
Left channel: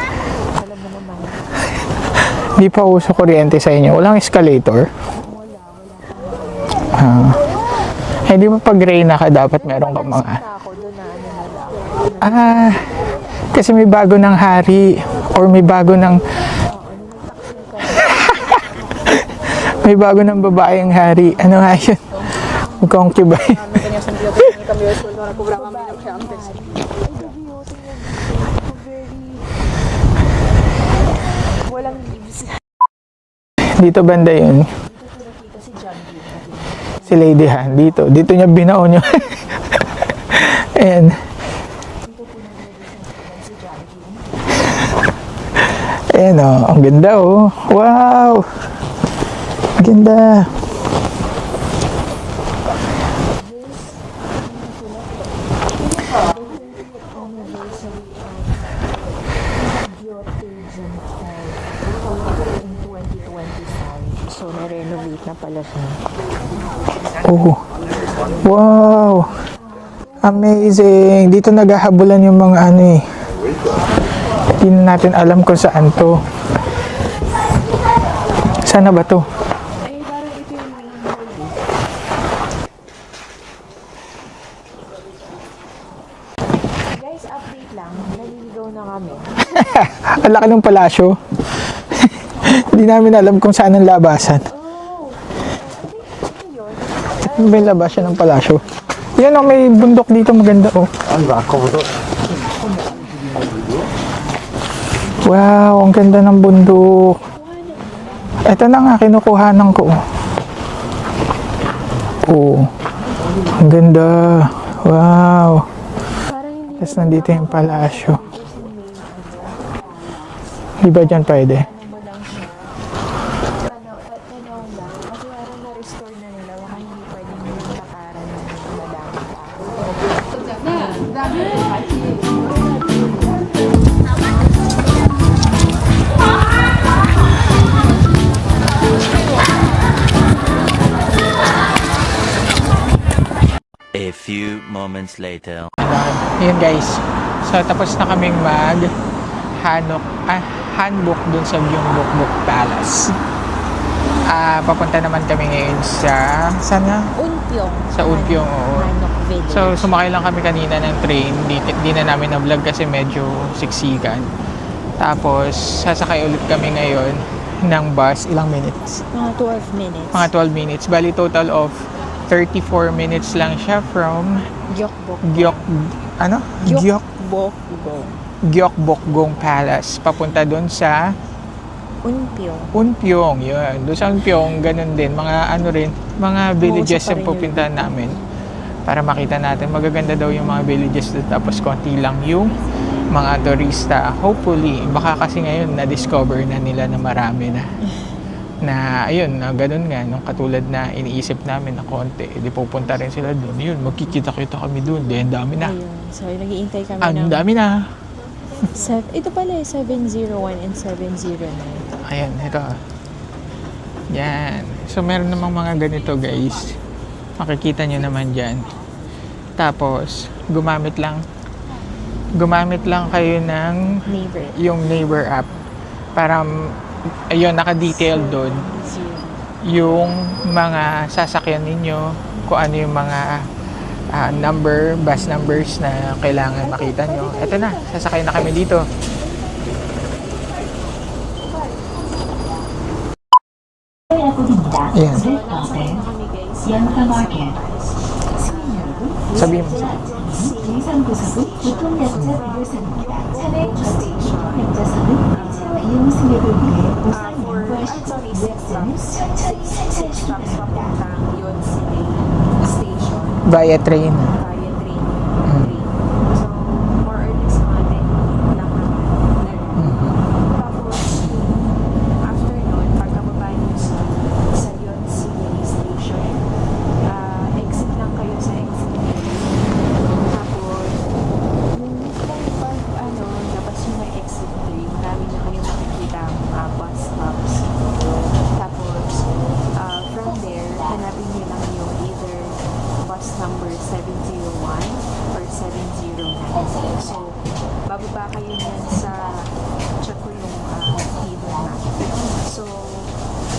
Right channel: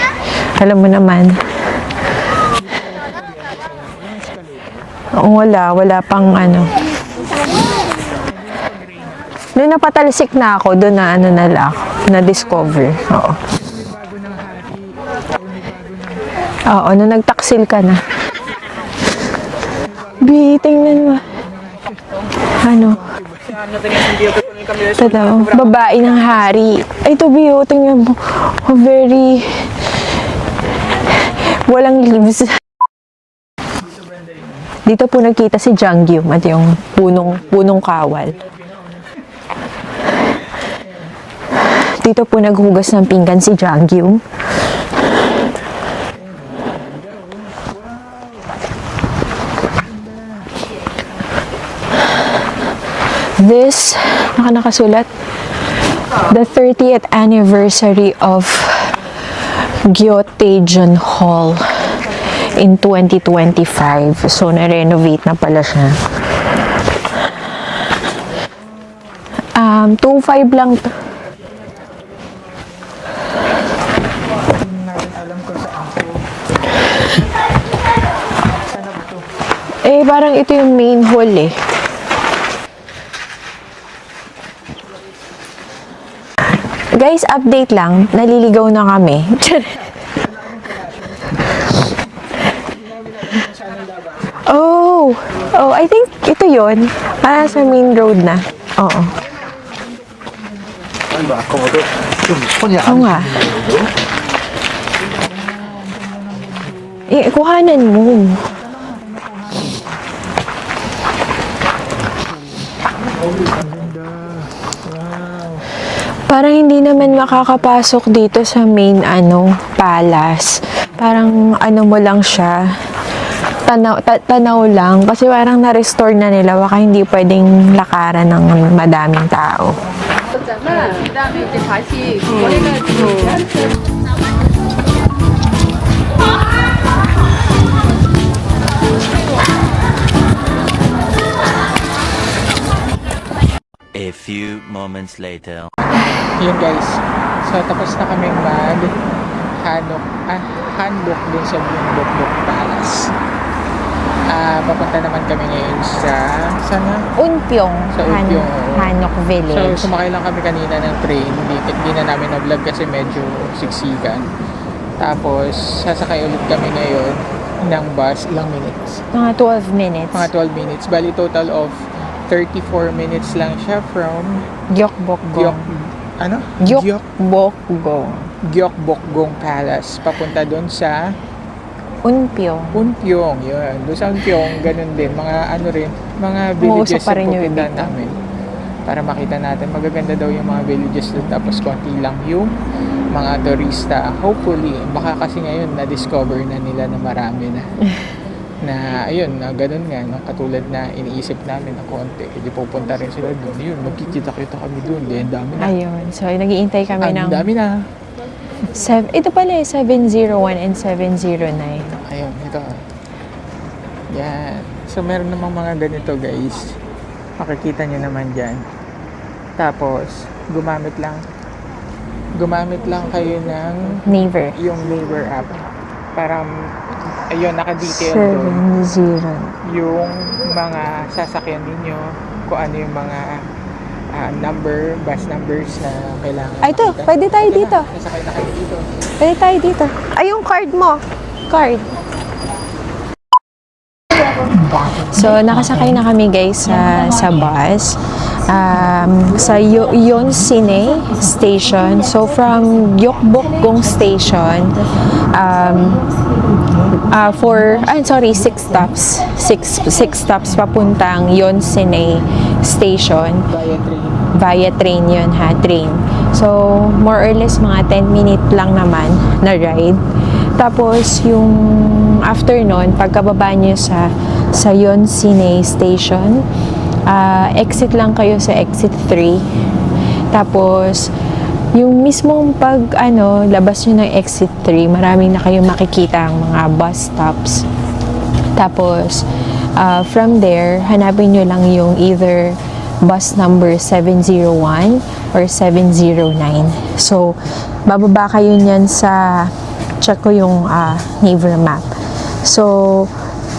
alam mo naman, Di pa uso kuryente sa inyo. Walang escalator. wala pang Eh, di mo pag Reyna ka dapat. Doon meron napatalsik ka na ako, doon na na-discover. Oo. Kasi may bago ng hari or may bago ng Oo, nung nagtaksil ka na. may bago ng Wait, babaeng ano? hari. Ano nga yun? Ano? Concubine. Ito daw, babae ng hari. Ay, ito, Bio, tingnan mo. Very... Walang leaves. Dito banda yun. Dito po nagkita si Janggyum at yung Si Lady Han. punong Dito. kawal. Dito niya binaon yun. And, Dito po naghugas ng pinggan si Janggyum. ayan o. Ang ganda oh. Wow! Ang ganda. This, nakasulat, the 30th anniversary of Gyeotaejeon Hall in 2025. So, na-renovate na pala siya. Oh. Wow! 2.5 lang. Amazing! Dito naghahabulan yung mga ano eh. Hindi na natin alam kung saan to. Sana ba to? Eh, parang ito yung main hall eh. Guys, update lang. Naliligaw na kami. Ang laki ng palasyo. Hindi namin alam kung saan ang labasan. Oh, I think ito yun. Sa Ano ba yung main labas ng road na. palasyo? Oo. Yan o, may bundok dito maganda oh. Oo nga. Wow, ang ganda ng bundok. Eh, kuhanan mo. Ito na nga, kinukuhanan ko. Oh, ang ganda. Wow. Parang hindi Tapos naman nandito yung makakapasok palasyo. dito sa main palace. Di ba dyan Parang pwede? ano mo lang siya. Tanaw lang. Kasi parang na-restore na nila. Baka hindi pwedeng lakaran ng madaming tao. A few moments later. Yun guys. So tapos na kaming handbook dun sa Gyeongbokbok Palace. Papunta naman kami ngayon saan nga? Unpyong. Sa Unpyong, oo. Hanok Village. So sumakay lang kami kanina ng train. Di na namin na-vlog kasi medyo siksikan. Tapos sasakay ulit kami ngayon ng bus. Ilang minutes? Mga 12 minutes. Mga 12 minutes. Bali total of 34 minutes lang siya from Gyeokbokgung. Gyeokbokgung Palace papunta doon sa Unpyong. Unpyong, yun. Doon sa Unpyong, ganun din. Mga ano rin, mga villages pa rin yung yun. pupuntahan namin. Para makita natin, magaganda daw yung mga villages doon. Tapos konti lang yung mga turista. Hopefully, baka kasi ngayon na-discover na nila na marami na. Na ayun, na ganun nga, no? Katulad na iniisip namin na konti. Di pupunta rin sila doon. Yun, magkikita-kita kami doon. Di, ang dami na. Ayun. So, nag-iintay kami ng... Ang dami na. Ito pala 701 and 709. Ayan, ito. Yan. So, meron namang mga ganito, guys. Makikita nyo naman dyan. Tapos, gumamit lang kayo ng Neighbor. yung neighbor app. Para, ayun, naka-detail doon 70. yung mga sasakyan ninyo, kung ano yung mga bus numbers na kailangan Ay, ito, makita nyo. pwede tayo Ito dito. Na, sasakay na kami dito. Pwede tayo dito. Ay, yung card mo. Card. So, nakasakay na kami guys sa bus. Sa Yonsine Station. So, from Gyeokbokgung Station, 6 stops. 6 stops papuntang Yonsine Station. Via train. Via train yun ha, train. So, more or less mga 10 minute lang naman na ride. Tapos, yung after nun, pagkababa nyo sa Yonsine Station, exit lang kayo sa exit 3. Tapos, yung mismong labas nyo ng exit 3, maraming na kayong makikita ang mga bus stops. Tapos, from there, hanapin nyo lang yung either bus number 701 or 709. So, bababa kayo niyan check ko yung Naver map. So,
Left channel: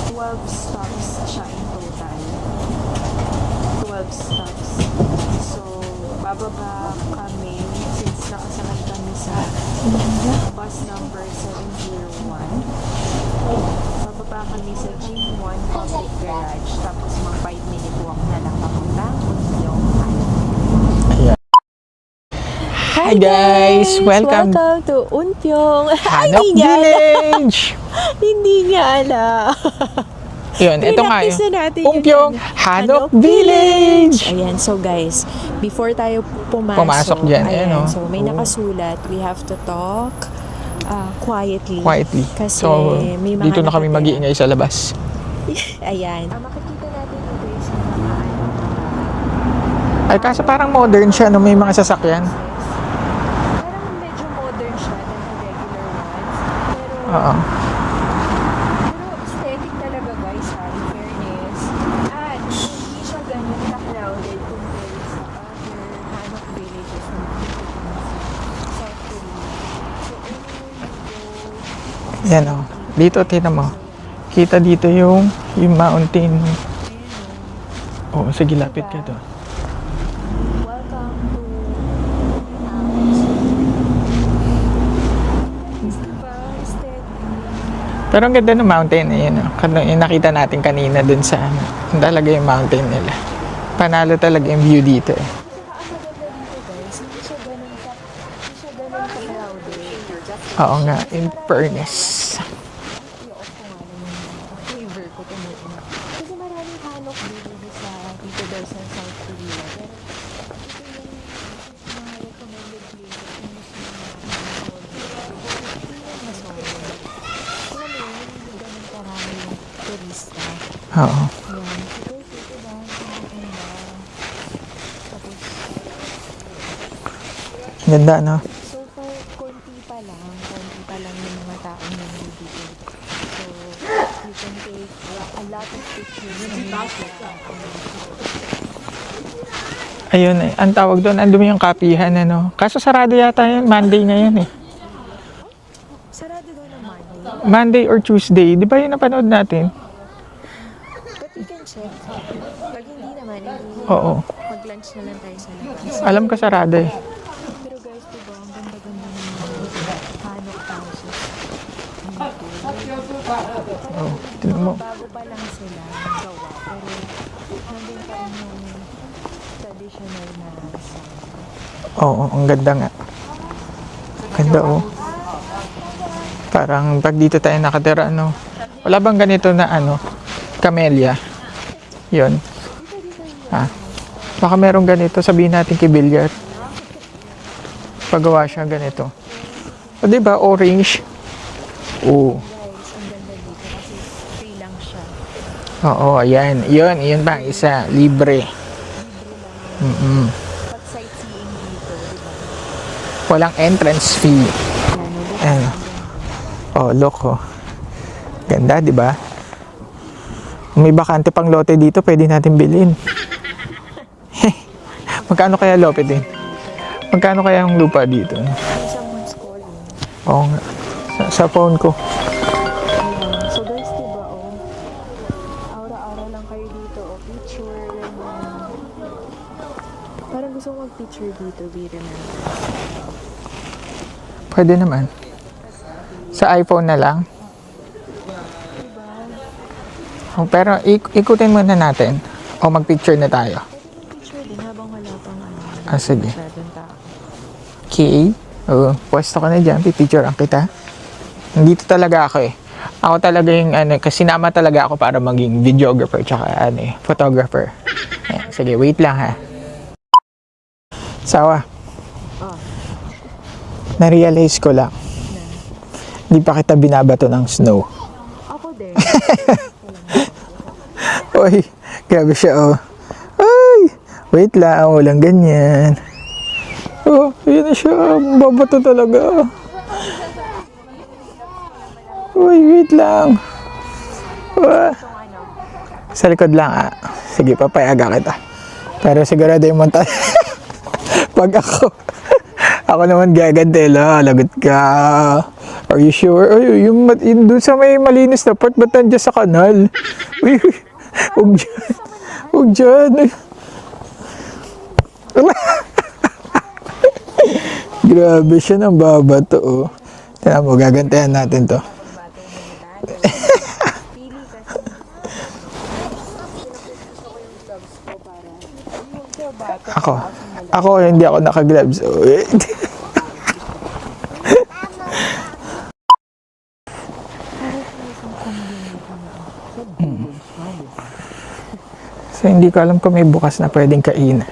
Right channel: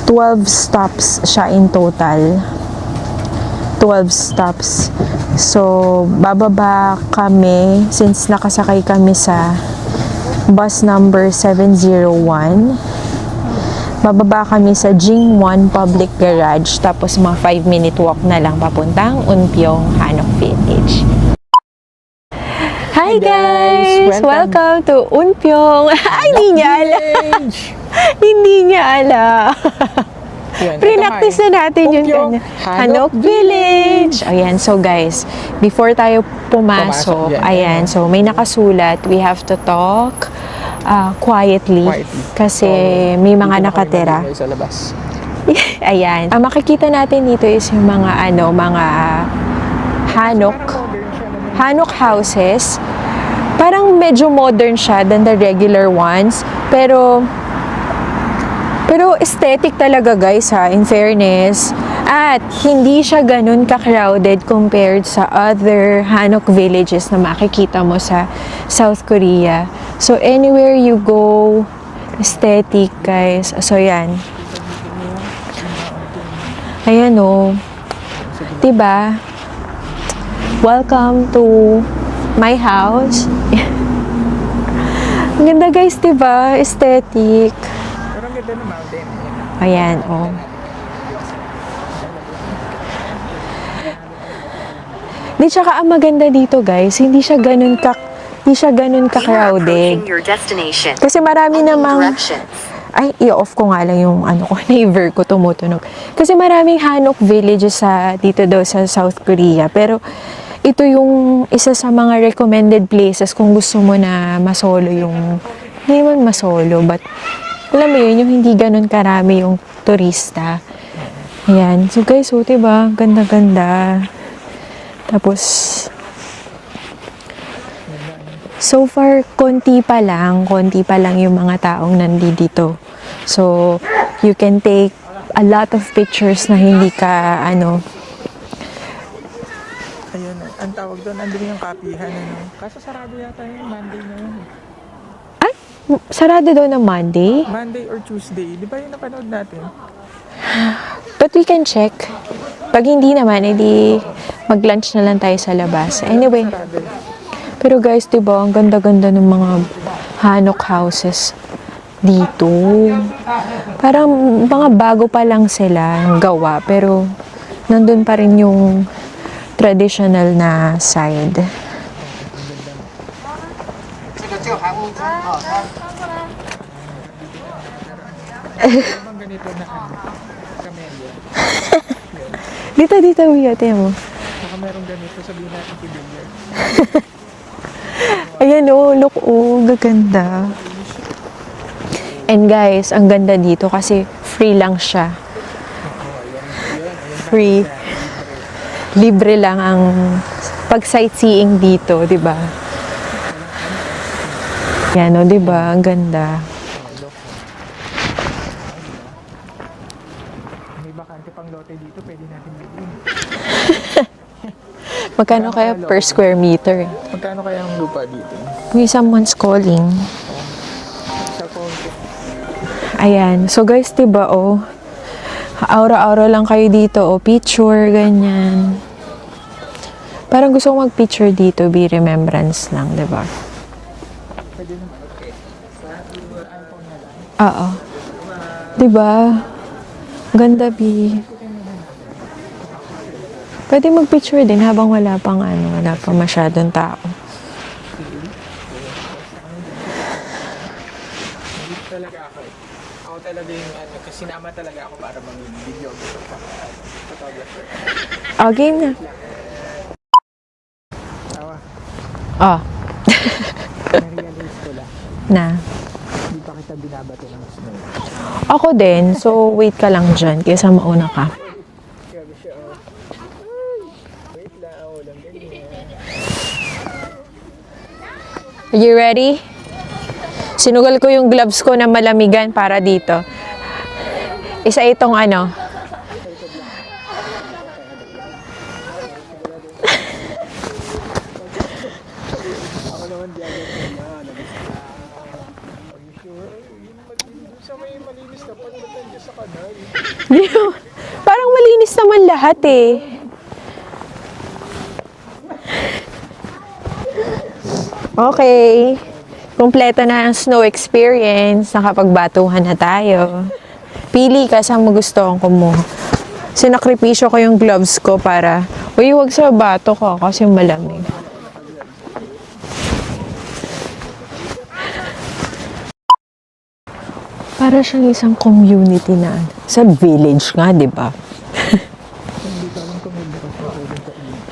12 stops siya in total. 12 stops. So, bababa kami, since nakasakay kami sa bus number 701, bababa kami sa Jingwon Public Garage, tapos mga 5-minute walk na lang papuntang Unpyong Hanok Village. Hi guys! Welcome to Unpyong! Ay, hindi niya alam! Village! Hindi niya alam! Yun, ito nga Practice na natin yung Unpyong Hanok Hanok Village. Ayan, so guys, before tayo pumasok, dyan, ayan, ano? so may nakasulat, we have to talk quietly. Kasi So, may mga dito na kami nakatira. mag-iingay sa labas. Ayan. Ang makikita natin dito is yung mga Ay, kaso Hanok. parang modern siya, no? May mga Hanok sasakyan. houses. Parang medyo modern siya than the regular ones. Pero Oo. Pero aesthetic talaga guys ha, in fairness. At hindi siya ganun ka-crowded compared sa other Hanok villages na makikita mo sa South Korea. So anywhere you go, aesthetic Dito, guys. kita mo. So yan. Kita dito yung mountain. Ayan o. Oh, sige lang. Diba? Welcome to my house. Ang ganda guys, diba? Aesthetic. Pero ang ganda ng mountain na yun. Ayan, Yung nakita natin kanina dun sa talaga yung mountain nila. Panalo talaga yung view dito. Di tsaka ang maganda dito guys, hindi siya ganun ka-crowded. Kasi marami namang ay, i-off ko nga lang yung Naver ko tumutunog. Kasi maraming Hanok villages dito daw sa South Korea. Pero ito yung isa sa mga recommended places kung gusto mo na masolo yung, hindi man masolo, but alam mo yun, yung hindi ganun karami yung turista. Oo. Ayan. So guys, diba? Ganda-ganda. Tapos, Ganda, no? so far, konti pa lang yung mga taong nandito. So, you can take a lot of pictures na hindi ka, Ayun, ang tawag doon, andun yung kapihan, ano? Kaso sarado yata yun, Monday ngayon eh. ay, sarado daw na Monday. Monday or Tuesday, di ba yun napanood natin? But we can check. Pag hindi naman, edi Oo. mag-lunch na lang tayo sa labas. Alam Anyway, ko sarado eh. pero guys, diba, ang ganda-ganda ng mga Hanok houses dito. Parang mga bago pa lang sila gawa, pero nandun pa rin yung traditional na side. Oo, ang ganda nga. Ganda, oh. Parang pag dito tayo nakatira, no? Wala bang ganito na ano? Camellia. Yun. Dito, kuya. Tingnan mo. Baka merong ganito, sabihin natin kay Bilyat. Pagawa siya Ayan o, ganito. look, gaganda. O, diba, orange? Oo. And guys, ang ganda dito kasi free lang siya. Oo, ayan. Yun pa Free. isa. Libre. Libre lang ang pag-sightseeing dito, di ba? Walang entrance fee. Yan o, di ba? Ang ganda. Oh, look, oh. Ganda, di ba? May bakante pang lote dito, pwede natin bilhin. Magkano Magkano kaya kaya per lote din? square meter? Magkano kaya ang lupa dito? May someone's calling. Oh, sa phone ko. Ayan. So guys, diba, oh, aura-aura lang kayo dito, oh, picture, ganyan. Parang gusto ko mag-picture dito, be remembrance lang, diba? Pwede naman. Sa iPhone na lang. Oo. Diba? Ganda, Pero Bi. ikutin muna natin. O mag-picture na tayo. Pwede mag-picture din habang wala pang wala Ah, pang sige. masyadong tao. Okay. O, pwesto ka na dyan. Pipicture ang kita. Dito talaga ako eh. Ako talaga yung kasi sinama talaga ako para maging videographer tsaka photographer. Okay. Sige, wait lang ha. Sawa, Oh, na-realize ko lang. na. Di pa kita binabato ng snow. Ako din. So, wait ka lang dyan kaysa mauna ka. Oy, grabe siya oh. Ay, wait lang, walang ganyan. Oh, yun na siya. Babato You talaga. ready? Sinugal ko yung gloves ko na malamigan Uy, para wait dito. lang. Isa itong Sa likod lang ah. Sige, papayaga kita. Pero sigurado yung monta. Pag ako naman gagantela, lagot ka. Are you sure? Ay, yung doon sa may malinis na part, ba't nandiyan sa kanal? Parang malinis naman lahat O eh. dyan. Grabe Okay. siya ng babato. Kompleto na ang snow Kaya magagantihan natin experience. to. Nakapagbatuhan na tayo. Pili ka saan mo gusto ang kumuha. Sinakripisyo ko yung gloves ko para, uy, huwag sa bato ko kasi malamig. Ako, hindi ako naka-gloves. Oh, eh. Para siyang isang community na sa village nga, di ba? So, hindi ko alam kung may bukas na pwedeng kainan.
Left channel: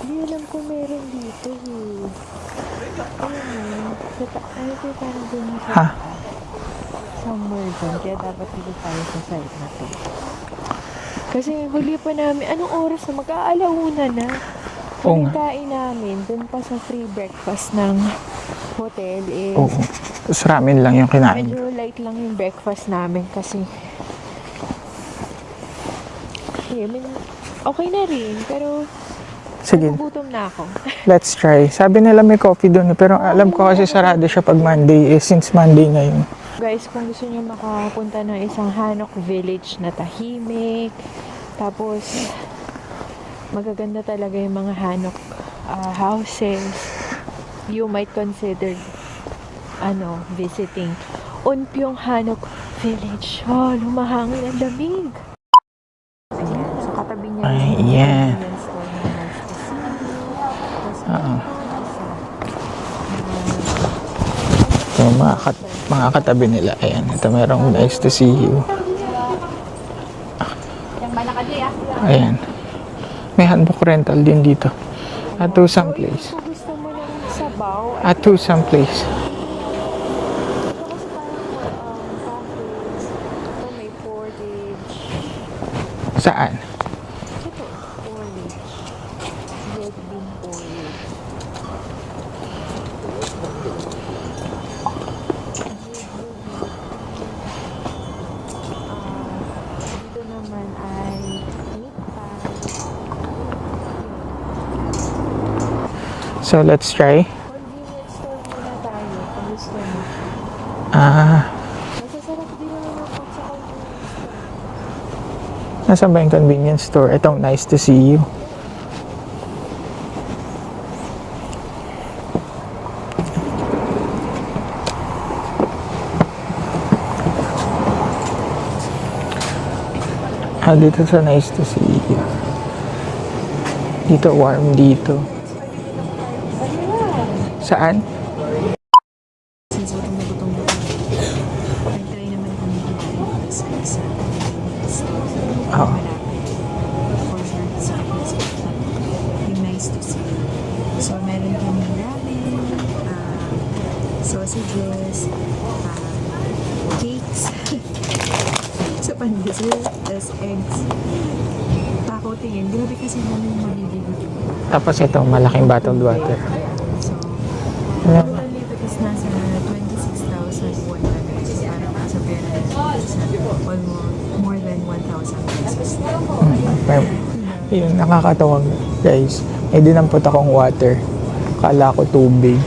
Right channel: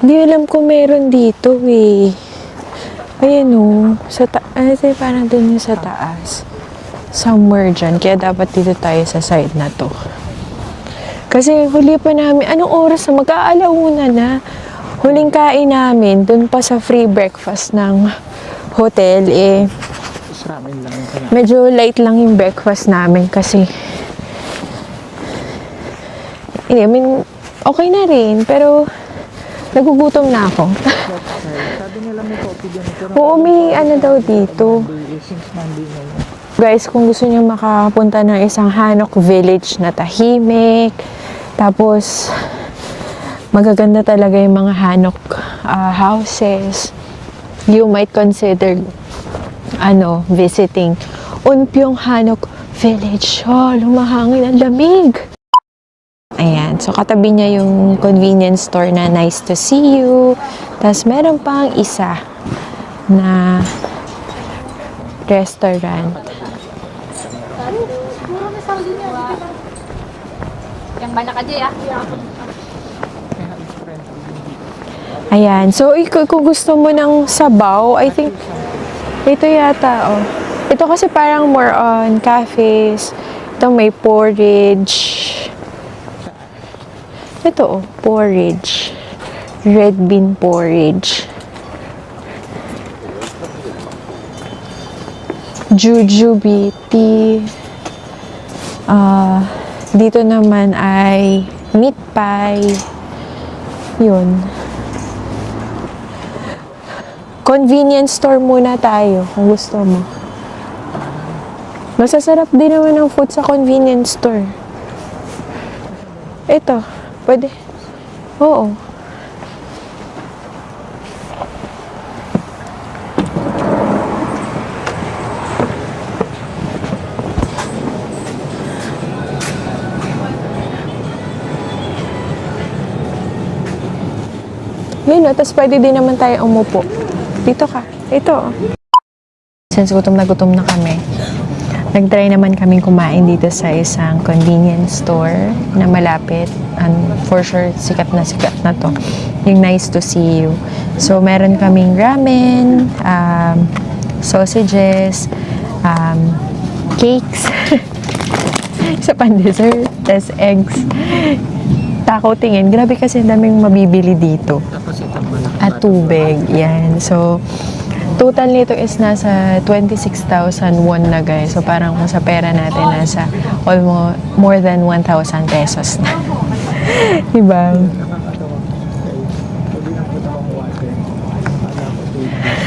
Hindi alam kung meron dito eh. Ayan o, sa parang dun yung sa taas. Somewhere dyan, kaya dapat dito tayo sa side na to. Kasi huli pa namin, anong oras na? Mag-aalauna na. Huling kain namin, dun pa sa free breakfast ng hotel eh. Tapos ramen lang yung kinain. Medyo light lang yung breakfast namin kasi I mean, okay na rin, pero Sige. nagugutom na ako. Let's try. Sabi nila may coffee doon. Pero Oo, alam ko may kasi ano sarado daw siya pag dito. Monday. Since Monday ngayon. Guys, kung gusto niyo makapunta ng isang Hanok village na tahimik, tapos magaganda talaga yung mga Hanok houses, you might consider visiting Unpyong Hanok Village. Oh, lumahangin ang lamig. Ayan, so katabi niya yung Ayan. convenience store na nice to see you. Tapos meron pang isa na Yung Restaurant. mga katabi nila. Ayan. Ito merong nice to see you. Ayan. May handbook rental din dito. Ayan. At So, someplace. kung gusto mo ng sabaw, I At to think someplace. ito yata, oh. Ito kasi parang more on cafes. Ito may porridge. Saan? Ito, oh, porridge. Red bean porridge. Jujubee. Dito naman ay meat pie. Yun. So, let's try. Convenience store muna tayo kung gusto mo. Masasarap din naman ang food sa convenience store. Nasaan ba yung convenience Ito. store? Ito, Pwede- nice to see you. Oo. Dito sa nice to see you. Dito, warm dito. Yun, tapos pwede din naman tayo umupo. Dito ka. Saan? Ito. Since gutom na kami, nag-try naman kaming kumain dito sa isang convenience store na malapit. And for sure, sikat na to. Yung Nice to See You. So, meron kaming ramen, sausages, cakes, sa pan-dessert, tas eggs. Takaw tingin. Grabe kasi ang daming mabibili dito. Tapos ito, malaking At bottle. tubig. Yan. So, total nito is nasa 26,000 won na guys. So, parang kung sa pera natin, nasa almost more than 1,000 pesos na. Diba? Yung nakakatawa, guys. Dinampot akong water. Kala ko tubig.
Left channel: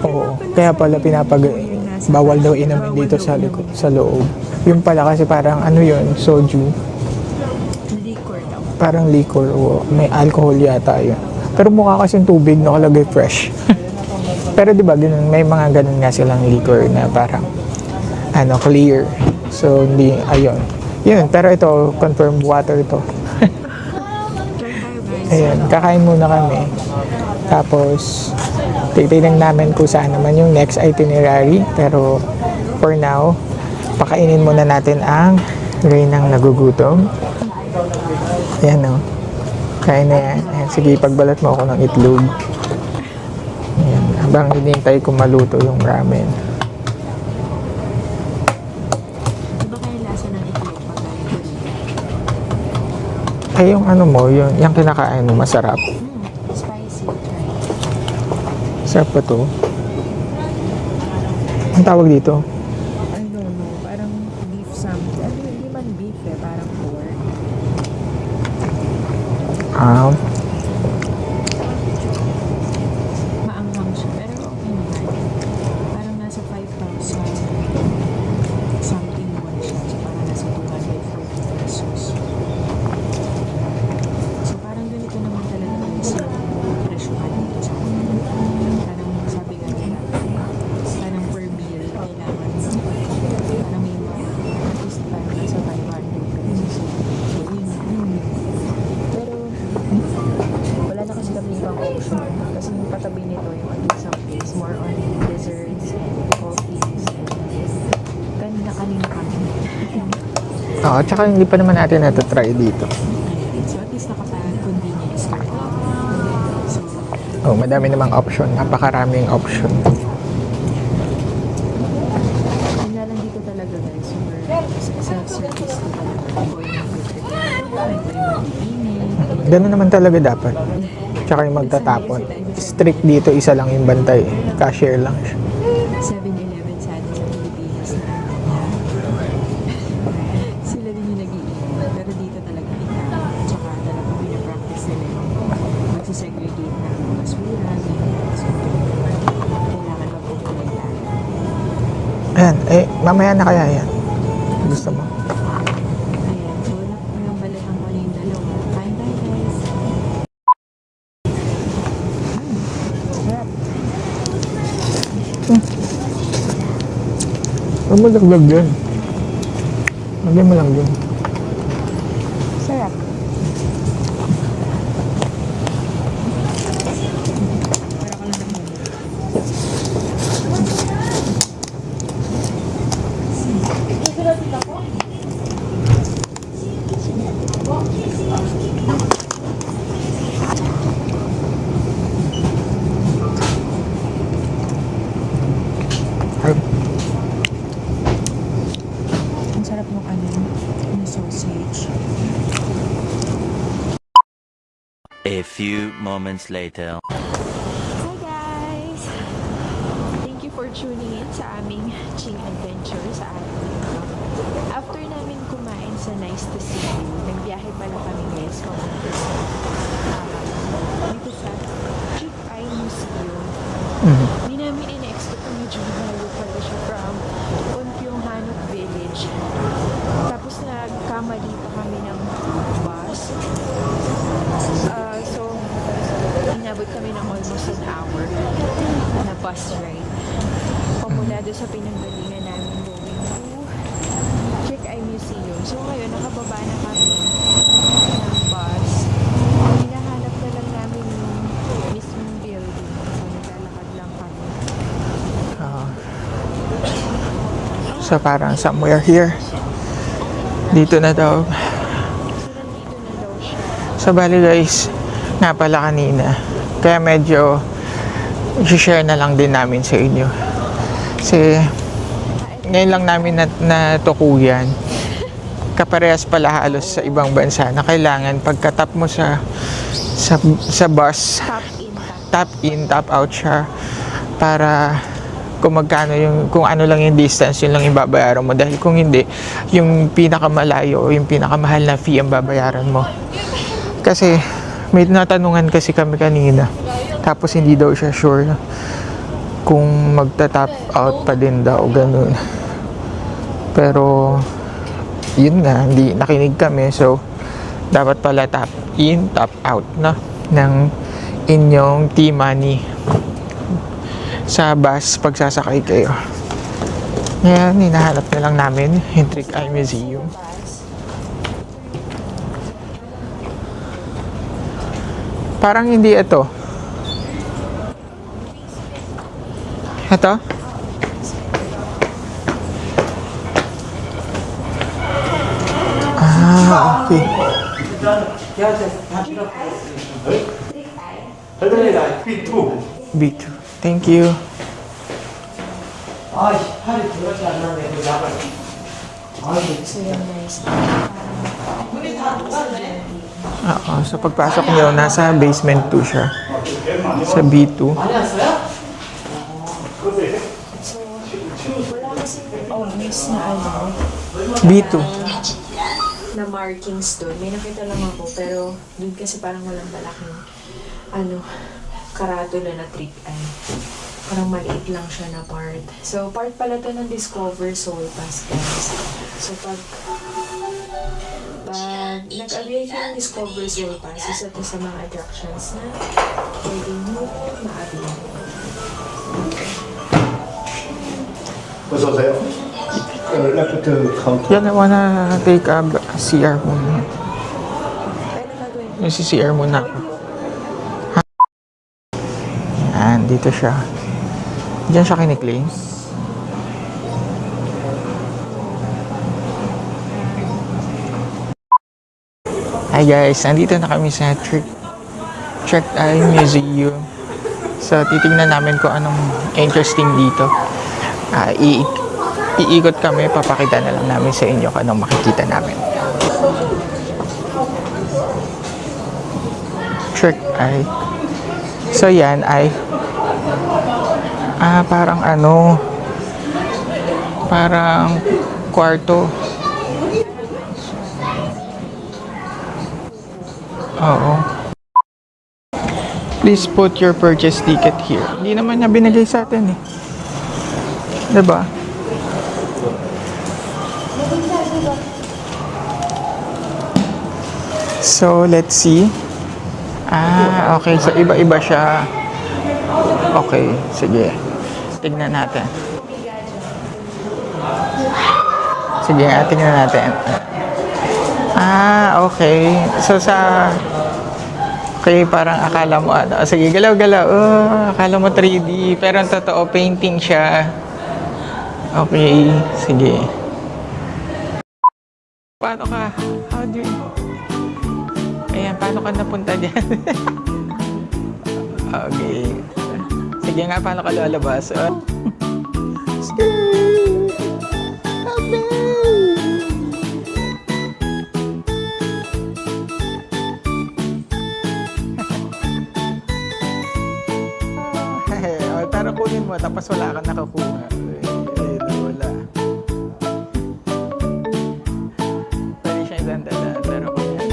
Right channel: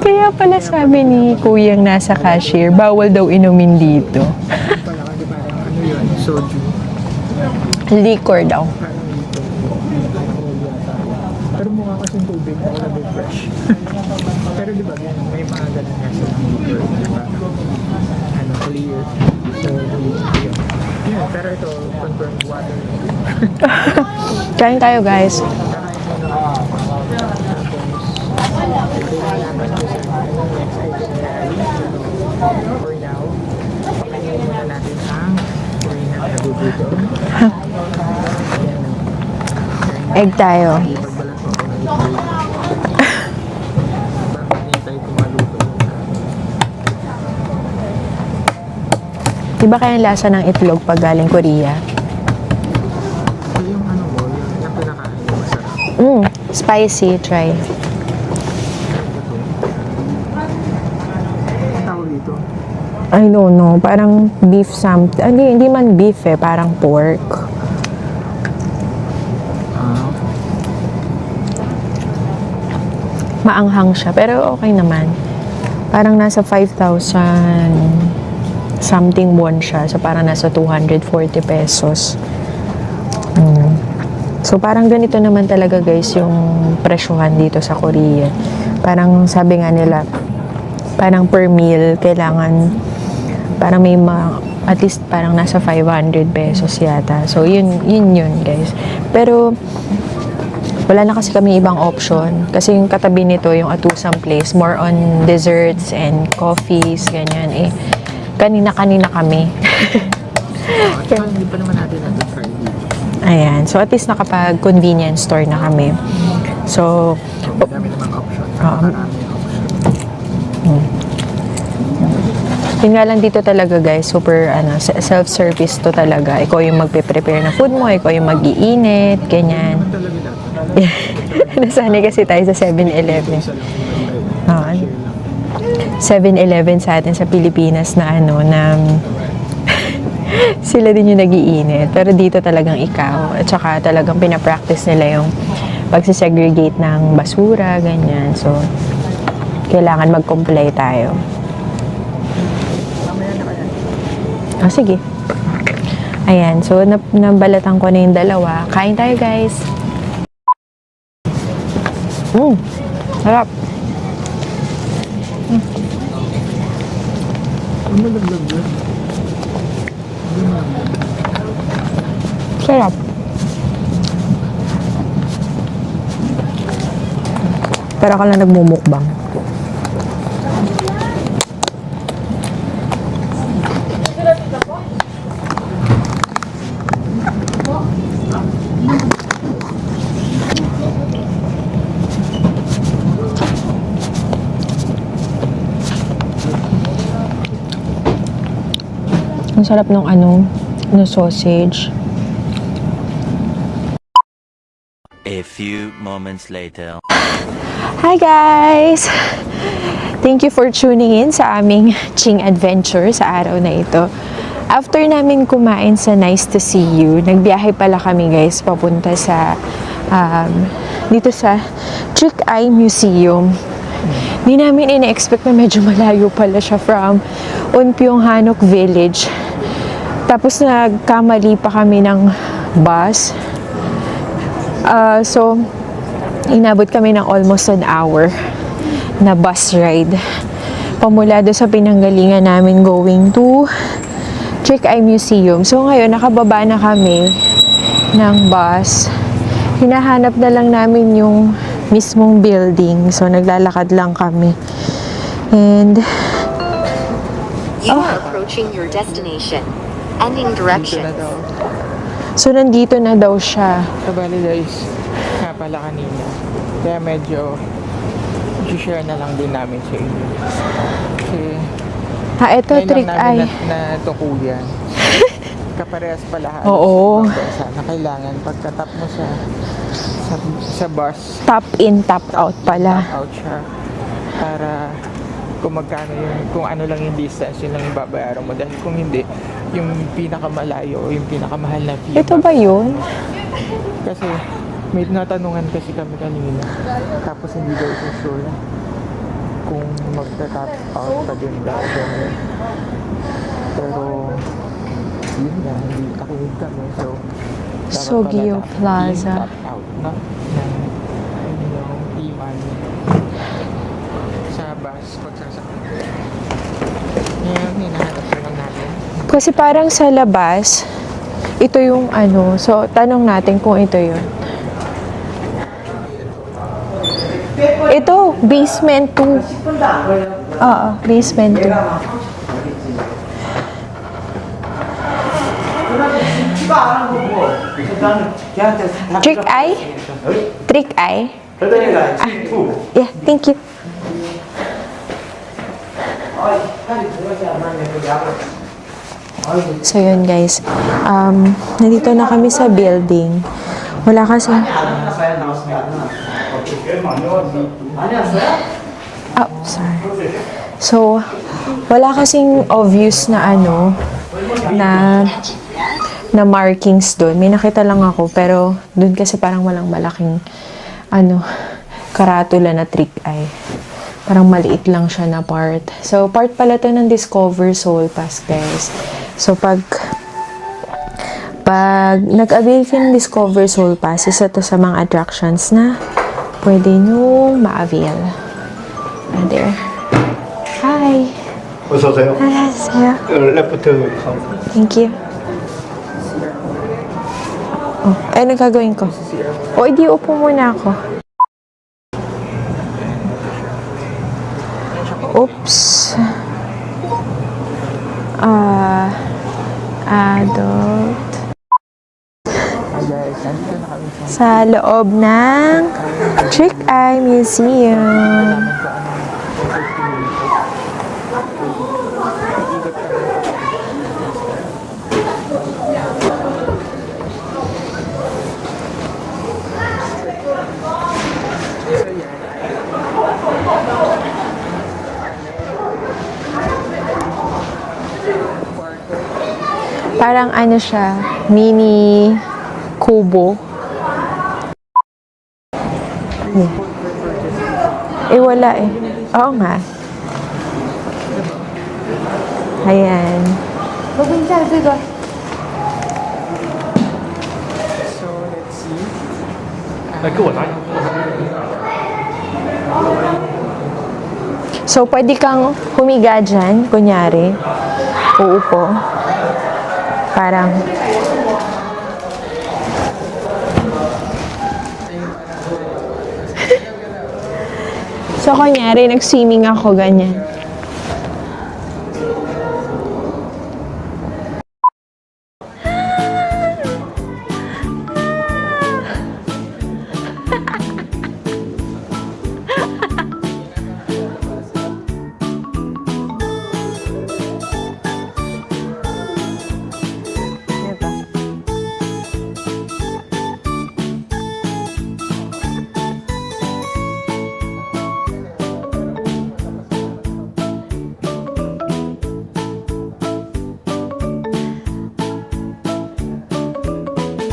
Kaya pala sabi ni Kuyang nasa cashier, bawal daw inumin dito. Yung pala kasi parang ano yun, soju. Liquor daw. Parang liquor. May alcohol yata yun. Pero mukha kasing tubig nakalagay fresh. Pero di ba ganun, may mga ganun nga silang liquor na parang clear. So hindi, ayun. Yun, pero ito, confirm water ito. Kain tayo guys. Ayun, kakain muna kami. Tapos, titignan namin kung saan naman yung next itinerary. Pero, for now, pakainin muna natin ang Reynang nagugutom. Ayan o. Kain na. Egg tayo. Sige, pagbalat mo ako ng itlog. Habang hinintay ko maluto yung ramen. Diba kaya ang lasa ng itlog pag galing Korea? Ay, yung ano mo, yung kinakain mo, masarap. Spicy, try. Sarap pa to. Ang tawag dito? I don't know, parang beef something. Hindi man beef parang pork. Maanghang siya, pero okay naman. Parang nasa 5,000 something won siya. So, parang nasa 240 pesos. So, parang ganito naman talaga guys yung presyuhan dito sa Korea. Parang sabi nga nila, parang per meal, kailangan, parang may at least parang nasa 500 pesos yata. So, yun guys. Pero, wala na kasi kami ibang option. Kasi yung katabi nito, yung Atusang Place, more on desserts and coffees, ganyan. Kanina-kanina kami. At saka hindi pa naman natin try dito. Ayan. So, at least nakapag-convenience store na kami. So, Madami namang option. Napakaraming option. yun nga lang dito talaga guys, super self-service to talaga. Ikaw yung magpe-prepare na food mo, ikaw yung mag-iinit, Ganun ganyan. naman talaga dapat. Tsaka yung Nasanay kasi tayo sa Strict 7-Eleven. dito, isa lang yung bantay. Cashier lang siya. 7-Eleven sa atin sa Pilipinas na sila din yung nag-iinit. Pero dito talagang ikaw. At saka talagang pinapractice nila yung pagsisegregate ng basura, ganyan. So, kailangan mag-comply tayo. Ayan, mamaya na kaya yan. Sige. Ayan, so nabalatan ko na yung dalawa. Kain tayo, guys. Sarap. Ano malaglag yan? Hindi malaglag. Sarap. Para ka lang nagmumukbang. Ang sarap nung sausage. A few moments later. Hi guys! Thank you for tuning in sa aming Ching Adventure sa araw na ito. After namin kumain sa Nice to See You, nagbiyahe pala kami guys papunta sa dito sa Trick Eye Museum. Hindi namin ina-expect na medyo malayo pala siya from Unpyong Hanok Village. Tapos nagkamali pa kami ng bus. So, inabot kami ng almost an hour na bus ride. Pamula doon sa pinanggalingan namin going to Trick Eye Museum. So, ngayon, nakababa na kami ng bus. Hinahanap na lang namin yung mismong building. So, naglalakad lang kami. And So parang somewhere here. Dito na daw. so nandito na daw siya. So bali guys, nga pala kanina. Kaya medyo i-share na lang din namin sa inyo. Kasi Ito ngayon lang trick namin eye. natukuyan. Kaparehas pala halos sa Oo. ibang bansa na kailangan pagkatap mo sa bus, Top in, top, top out in, pala. top out siya para kung magkano kung ano lang yung distance, yun lang yung babayaran mo. Dahil kung hindi, yung pinakamalayo o yung pinakamahal na fee ang Ito ba babayaran yun? mo. Kasi may natanungan kasi kami kanina. Tapos hindi daw siya sure kung magta-top out pa din daw, ganun. Pero yun nga, hindi nakinig kami. So dapat pala Sobeyo top Plaza. in, top out no, ng inyong T-money sa bus pagsasakay kayo. Yan, hinahanap na lang namin. Kasi parang sa labas, ito yung ano. So, tanong natin kung ito yun. parang hindi ito. Ito, basement 2. Ito? Oo, basement 2. Okay. Trick eye? Trick eye? Yeah, thank you. Thank you. So yun guys, nandito na kami sa building. Wala kasi, Pagpasok nyo, nasa basement 2 siya. Sa B2. sorry. So, wala kasing obvious na ano, na markings doon. May nakita lang ako, pero doon kasi parang walang malaking, ano, karatula na trick eye. Parang maliit lang siya na part. So, part pala to ng Discover Soul Pass, guys. So, pag nag-avail kayo ng Discover Soul Pass, isa to sa mga attractions na pwede nyo ma-avail. And there. Hi! 어서 오세요. Hi, 레프트 카운터. Yan, I wanna take a CR muna. Ay, nagkagawin ko. Kasi CR muna. O, di upo muna ako. Yan, dito siya. Diyan siya kiniklaim. Oops. Adult. Hi guys, nandito na kami sa Sa loob na Trick Eye Museum. Trick Eye Museum. So, titingnan namin kung anong interesting dito. Iikot kami, papakita na lang namin sa inyo kung anong makikita namin. Trick Eye. So, yan ay parang parang kwarto. Parang ano siya, mini kubo. Oo. Please put your purchase ticket here. Eh, Hindi wala naman niya binigay sa Oo atin. nga. Diba? Ayan. So, let's see. Okay. So, iba-iba siya. Okay, sige. So, Tignan pwede kang humiga dyan, kunyari. Uupo. Sige, tingnan natin. Parang, Okay. So, okay, parang akala mo sige, galaw-galaw. Akala mo 3D. So, kunyari, pero swimming totoo, ako, painting ganyan. siya. Okay, sige. Paano ka? Ayan, paano ka napunta dyan? Okay. Sige nga, paano ka lalabas? Pero kunin mo, tapos wala ka nakakuha. Di wala. Pwede siya ilan-dalan, pero yan.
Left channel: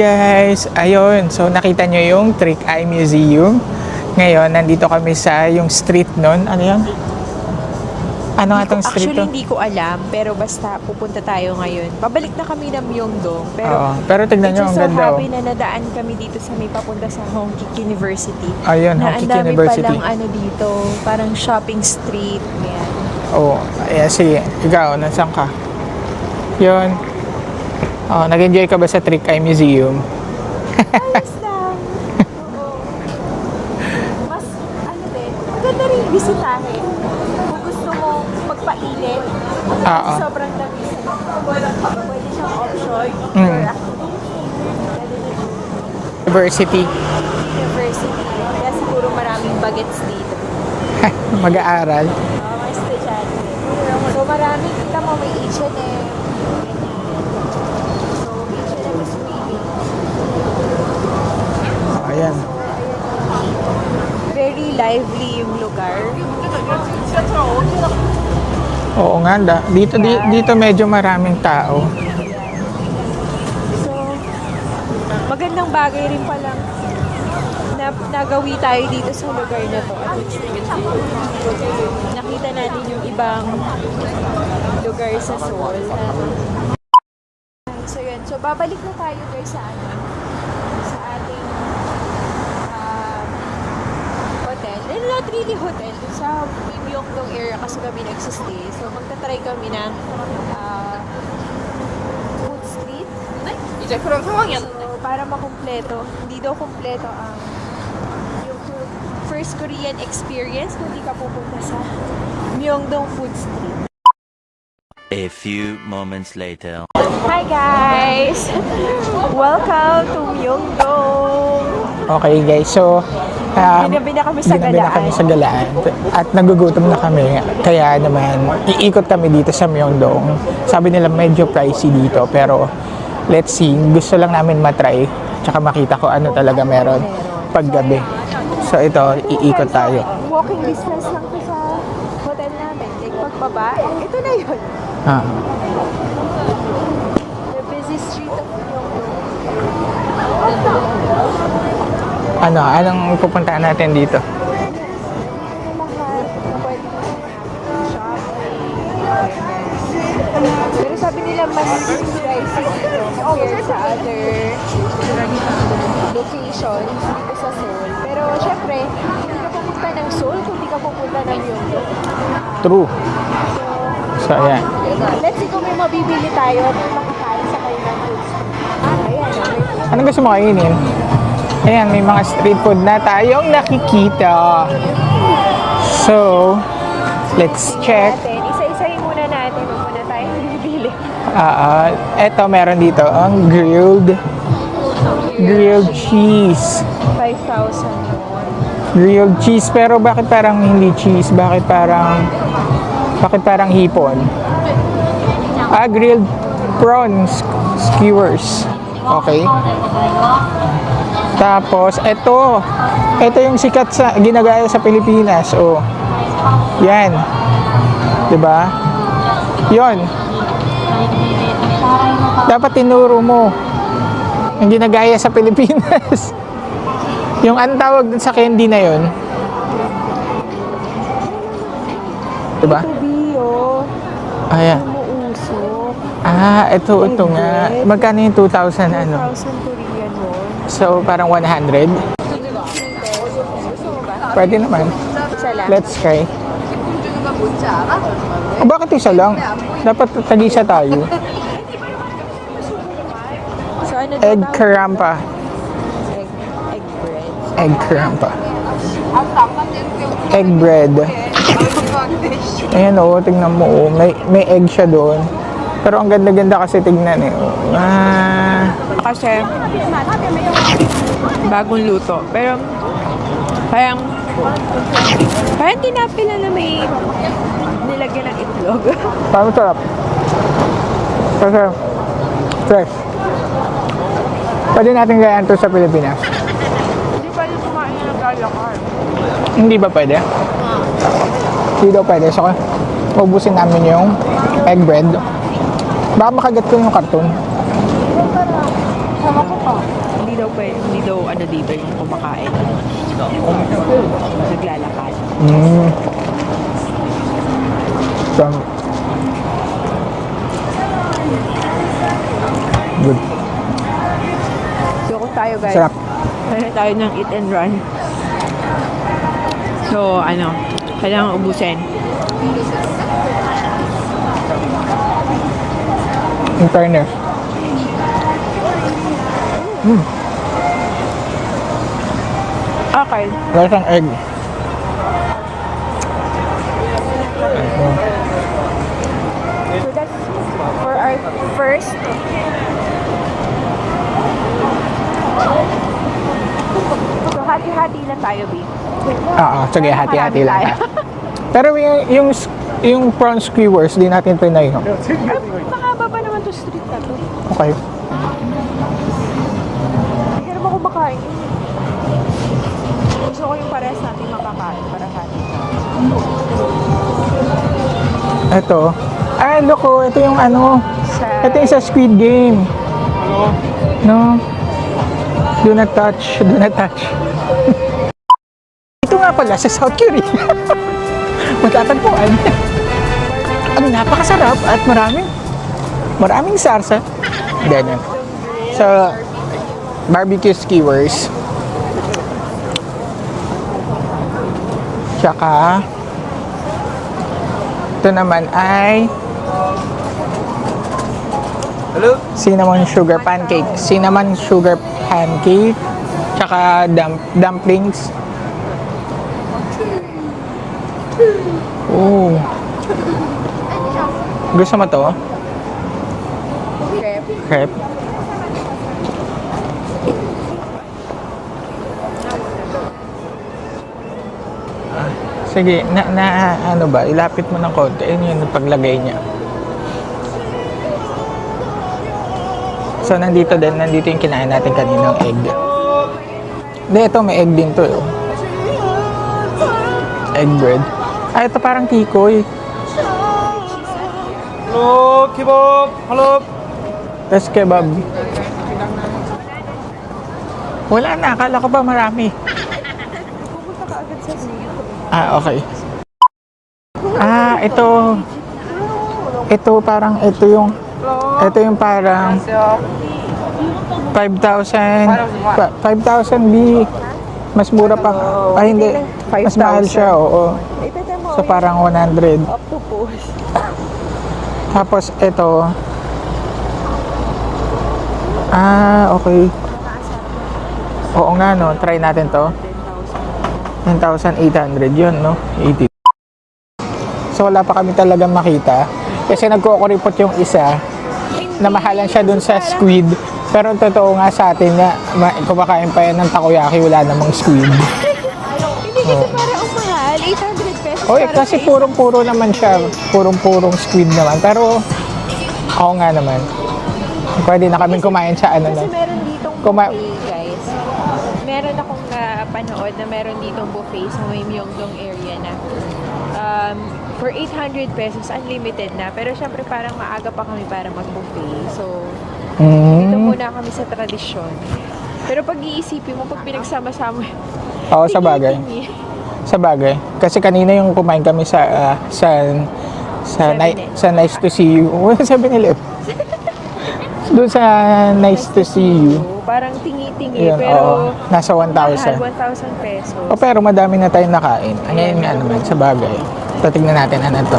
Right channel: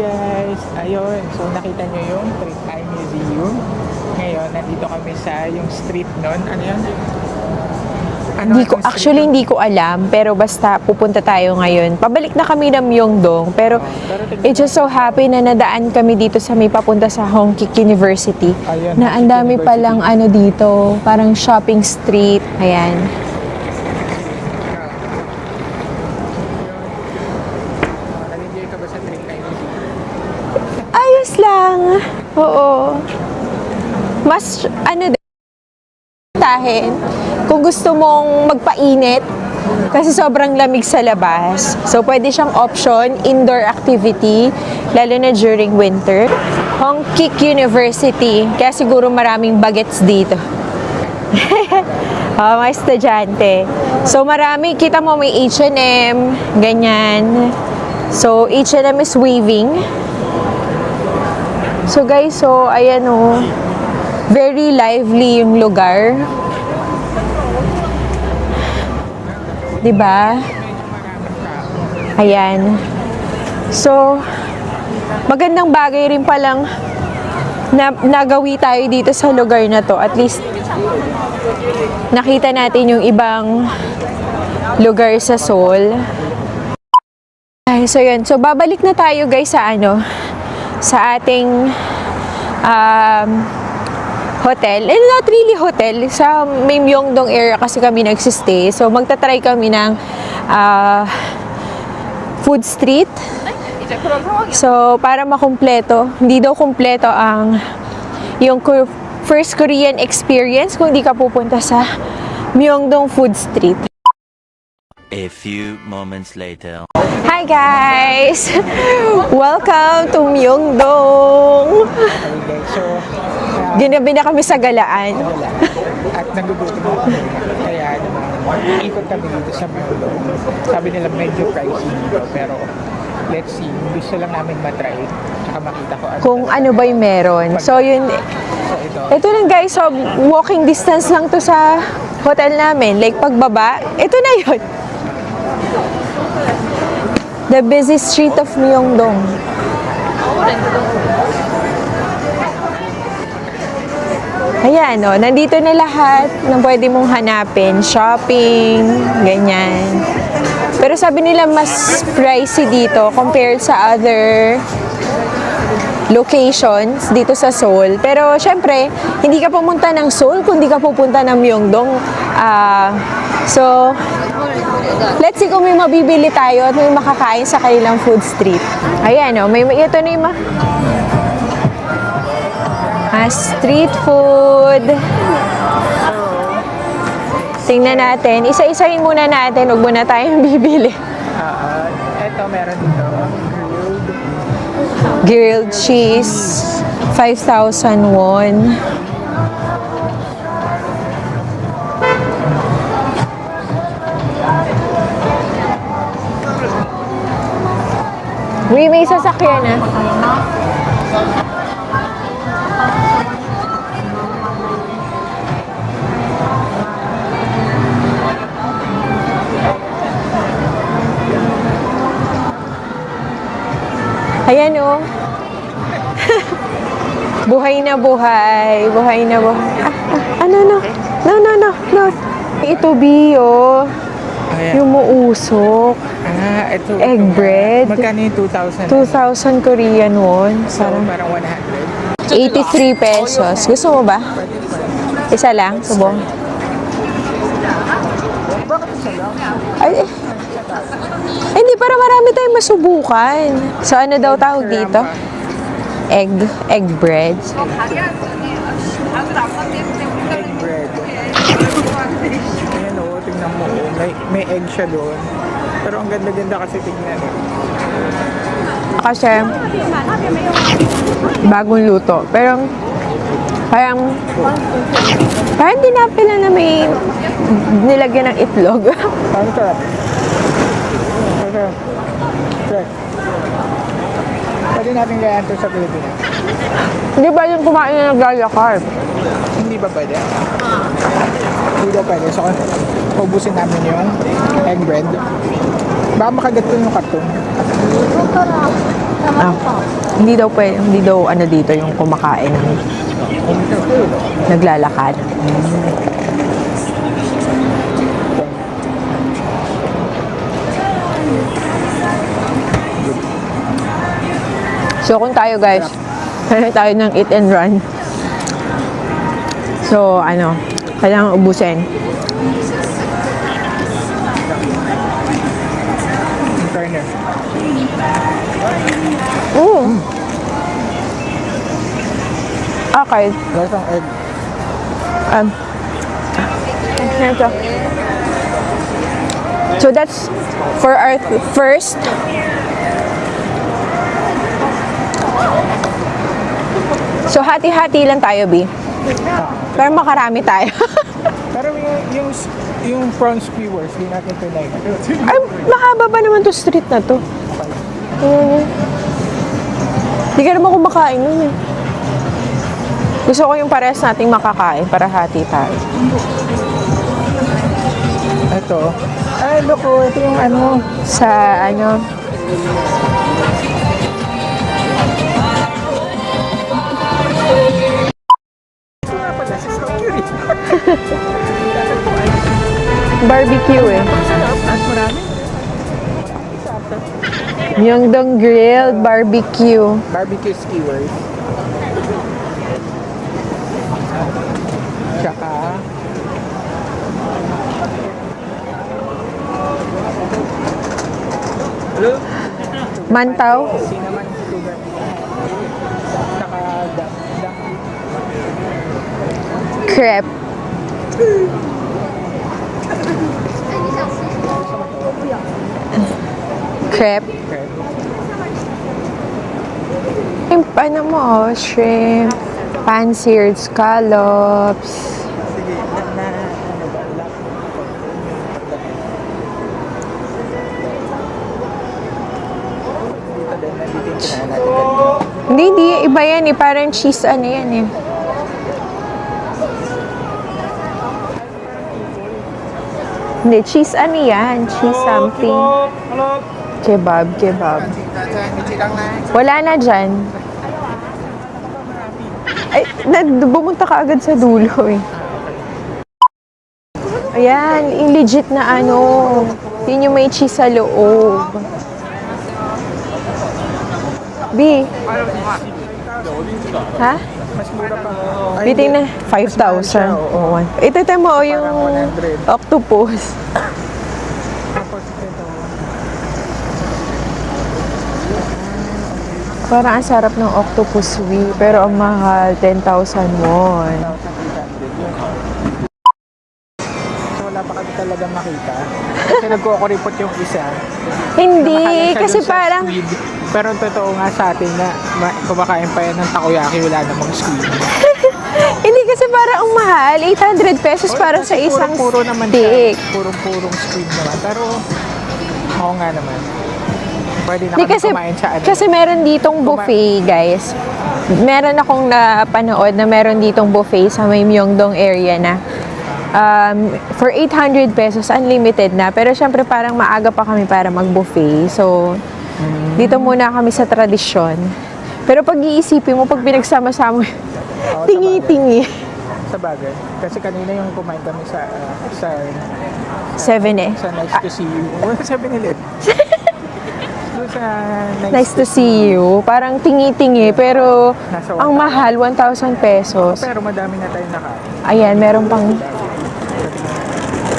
guys! Ayun, so nakita nyo yung Trick Eye Museum. Ngayon, nandito kami sa yung street nun. Ano yun? Ano Hindi nga ko, tong street actually, nun? hindi ko alam. Pero basta pupunta tayo ngayon. Pabalik na kami ng Myeongdong. Pero, Oo, pero tignan it's nyo, just so ang ganda, happy na nadaan kami dito sa may papunta sa Hongkik University. Ayun, na ang Hongkik dami University. palang ano dito. Parang shopping street. Ayan. Oo, ayan, sige. Ikaw, nasaan ka? Yun. Oh, nag-enjoy ka ba sa Trick Eye Museum? Ayos lang. Oo. Mas, ano din, maganda rin bisitahin. Kung gusto mong magpainit, kasi sobrang lamig sa labas. So, pwede siyang option, indoor activity, lalo na during winter. University. Hongkik University. Kaya siguro maraming bagets dito. Mag-aaral. Mga estudyante. So, marami. Kita mo may H&M, ganyan. So, H&M is waving. So, guys, so, ayan o. Very lively yung lugar. Oo nga, dito, Diba? dito medyo maraming tao. Ayan. So, magandang bagay rin palang na nagawi tayo dito sa lugar na to. At least, nakita natin yung ibang lugar sa Seoul. Ay, so yun. So, babalik na tayo guys sa ano, sa ating hotel. And not really hotel. Sa may Myeongdong area kasi kami nagsistay. So, magta-try kami ng food street. So, para makumpleto. Hindi daw kumpleto ang yung first Korean experience kung di ka pupunta sa Myeongdong Food Street. A few moments later. Hi guys! Welcome to Myeongdong! Okay guys, so Ginabi na kami sa ginabi na kami Galaan. sa Galaan. At nagugutom na kami. Kaya naman, iikot kami dito sa Myeongdong. Sabi nila medyo pricey dito, pero let's see. Gusto lang namin matry. Tsaka makita ko ano Kung talaga ano meron. ba yung meron. So, paggabi. yun. So ito Ito lang iikot guys, so tayo. walking distance lang to sa hotel namin. Like pagbaba, ito na yun. Ah, The busy street of Myeongdong. anong pupuntahan natin dito? Ayan, no, nandito na lahat na pwede mong hanapin. Shopping, ganyan. Pero sabi nila mas pricey dito compared sa other locations dito sa Seoul. Pero syempre, hindi ka pumunta ng Seoul kung hindi ka pupunta ng Myeongdong. True. So, So ayan. let's see kung may mabibili tayo at may makakain sa kanilang food street. Ayan, no, may ito Ano na gusto mo kainin? Ayan, may mga street food na tayong street nakikita. food. So, let's Tingnan check. natin. Isa-isahin muna natin. Huwag muna tayong bibili. Eto, meron dito ang Grilled Grilled cheese. 5,000 won. grilled cheese. Pero bakit parang hindi cheese? Bakit parang hipon? Grilled prawns skewers. May sasakyan na. Tapos, ito yung sikat sa ginagaya sa Pilipinas. Oh. Yan. 'Di ba? 'Yon. Dapat tinuro mo. Ayan, Hindi no. ginagaya sa Pilipinas. Yung Buhay ang na tawag buhay. sa candy na 'yon. Buhay na buhay. Ano, no. No. Diba? Ito, Bio. Ayan. Yung muusok. Ito Egg nga. bread. Magkano yung 2,000? 2,000 Korean won. So, parang 100? 83 pesos. Gusto mo ba? Pwede naman. Isa lang. Let's Subok. try. Bakit isa lang? Dapat tag-isa tayo. Hindi, para marami tayong masubukan. So, ano daw Egg tawag dito? karamba. Egg bread. Egg karamba. Egg bread. Ayan o, tingnan mo. May egg siya doon. Pero ang ganda-ganda kasi tingnan eh. Kasi, bagong luto. Parang hindi na pala na may nilagyan ng itlog. Parang sarap. Sarap. Fresh. Pwede natin gayaan to sa Pilipinas. Hindi ba yung kumain na nag-lalakar? Hindi ba pwede? Hindi daw pwede. So, ubusin namin yung egg bread. Baka makagat ko yung karton. Hindi daw pwede, hindi daw ano dito yung kumakain. Naglalakad. So, good. So kung tayo guys, Sarap. kaya tayo ng eat and run. So ano, kailangan ubusin. In fairness. Okay. There's an egg. So that's for our first. So hati-hati lang tayo, B. Oo, sige, Para makarami hati-hati lang. tayo. Pero yung prawn skewers, di natin trinay, no? Ay, mahaba pa naman to street na to. Okay. Hindi ka naman kumakain yun eh. Gusto ko yung parehas nating makakain para hati tayo. Ito. Ah, look, ito yung ano. Sa Ito yung sa ano? Squid Game. No? Do not touch. Do not touch. Ito nga pala, sa South Korea. Magtatagpuan. Barbecue eh. Napakasarap at maraming sarsa. Myeongdong Grill So, Barbecue. Barbecue skewers. Tsaka, ito naman ay cinnamon sugar Mantaw. pancake. Cinnamon sugar pancake. Tsaka dumplings. Crepe. Oh. Gusto mo to? Crepe. Crepe. Yung ano mo, shrimp. Pan-seared scallops. Sige, ano ba? Ilapit mo ng konti. Ayun yung paglagay niya. So, nandito yung kinain natin kaninang egg. Hindi. Iba yan eh. Parang Hindi, cheese ito may egg ano din yan to. eh. Egg bread. Ah, ito parang tikoy. Hindi, cheese ano yan? Cheese something. Hello. Kebab. That's kebab. Wala na dyan. Wala na. Akala ko ba marami? Ay, bumunta ka agad sa dulo eh. Ah, okay. Ayan, ito. yung legit na ano. Ito Yun parang yung may cheese sa loob. Ito yung parang 5,000. 5,000 B. Ha? Mas mura pa. Ay, Bitin na. hindi. Mas mahal siya, 5,000. oo. Ito mo, So, yung parang 100. octopus. Tapos ito. Ah, okay. Parang ang sarap ng octopus. Oo nga, no? Pero Try ang natin mahal, to. 10,000 mo. 1,800 yun, no? 80. So, wala pa kami talagang makita. Kasi nagkukuripot yung isa. Hindi, Na mahal lang siya kasi dun sa parang, squid. Pero totoo nga sa atin na kumakain pa yan ng takoyaki, wala namang squid. hindi kasi parang ang mahal, 800 pesos Oy, para sa kasi isang purong-puro naman siya. stick. Purong-purong squid naman. Pero, ako nga naman. Pwede na Hindi, kami kumain sa ano. Kasi meron ditong buffet, guys. Meron akong napanood na meron ditong buffet sa may Myeongdong area na for 800 pesos, unlimited na. Pero syempre parang maaga pa kami para mag-buffet. So, dito muna kami sa tradisyon. Pero pag iisipin mo, pag pinagsama-sama, Oo, sa bagay. tingi-tingi. Sa bagay. Kasi kanina yung kumain kami sa Seven Nice to see you. 7-Eleven. Doon sa Nice to see you. Parang tingi-tingi, Yeah, pero oo. Nasa ang 1,000. mahal, 1,000 pesos. Oh, pero madami na tayong nakain. Ayan, meron pang pang- sa bagay. So, tingnan natin ano to.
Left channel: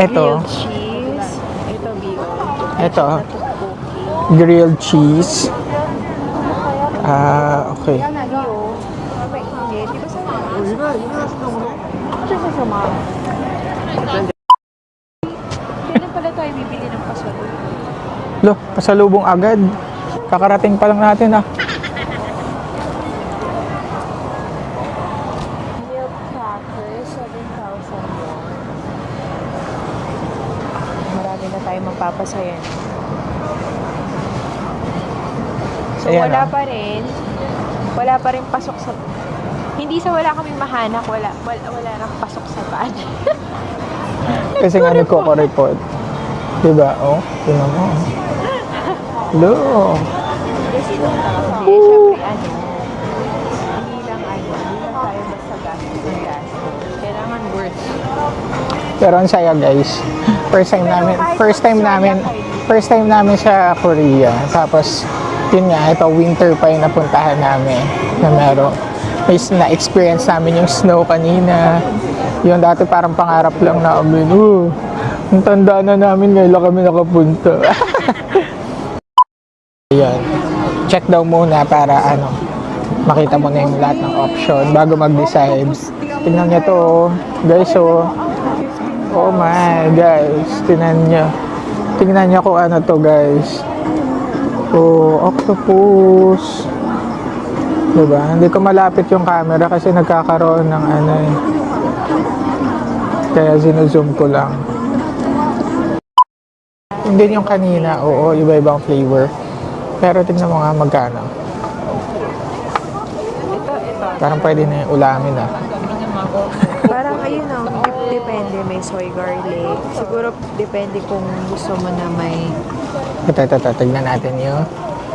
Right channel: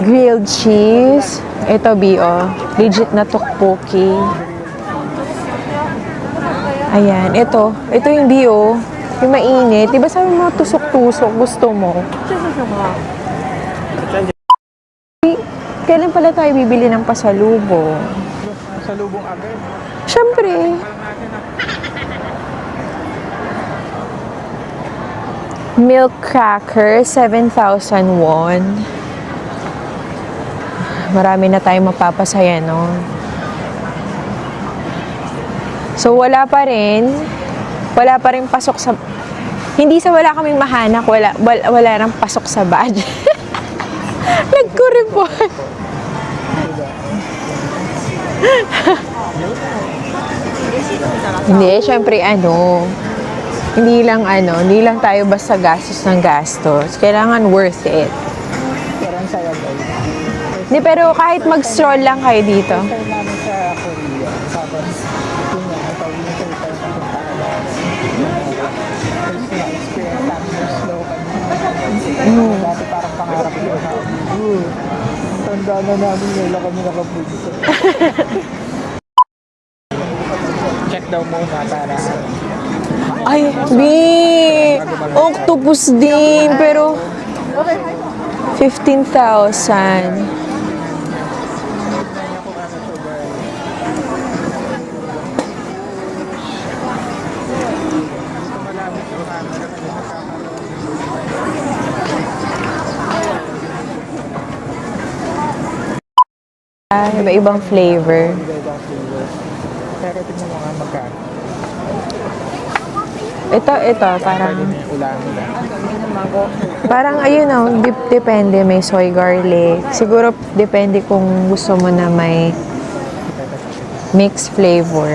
Grilled cheese. Ito, B.O. Legit Ito. na tteokbokki. Grilled cheese. Ayan, Ah, ito. okay. Ito yung B.O. Yung mainit. Diba sabi mo, tusok-tusok, gusto mo? Kailan pala tayo bibili ng pasalubong? Lo, pasalubong agad. Siyempre. Kakarating pa lang natin ah. Milk cracker, 7,000 won. Marami na tayong mapapasaya nun. So, Ayan, wala pa rin. Wala pa rin pasok sa... Hindi sa wala kaming mahanak, wala nang pasok sa budget. Kasi nga Nagko-report. nagko-report. Diba? Oh, tingnan mo. Hello. Hindi, syempre hindi lang tayo basta gastos ng gastos. Kailangan worth it. Pero ang saya guys. First Di, time pero namin- kahit first time mag-stroll namin- lang kayo dito. First time namin sa Korea. Tapos, yun nga, ito winter pa yung napuntahan namin na meron. Na-experience namin yung snow kanina. Yung dati parang pangarap lang namin. Ang tanda na namin, ngayon lang kami nakapunta. Ayan. Check daw muna para makita mo na yung lahat ng option bago mag-decide. Octopus din, Tingnan nyo pero to. Guys, so, 15,000. guys, tingnan niyo kung ano to guys. Octopus. Diba? Hindi ko malapit yung camera kasi nagkakaroon ng kaya zoom ko lang. Hindi yung Iba-ibang kanina, flavor. Oo, iba-ibang flavor. Pero tingnan mo nga magkano. Ito, Parang pwede na yung ulamin Parang depende, may soy garlic. Siguro depende kung gusto mo na may Ito, tignan natin mixed yung, flavor.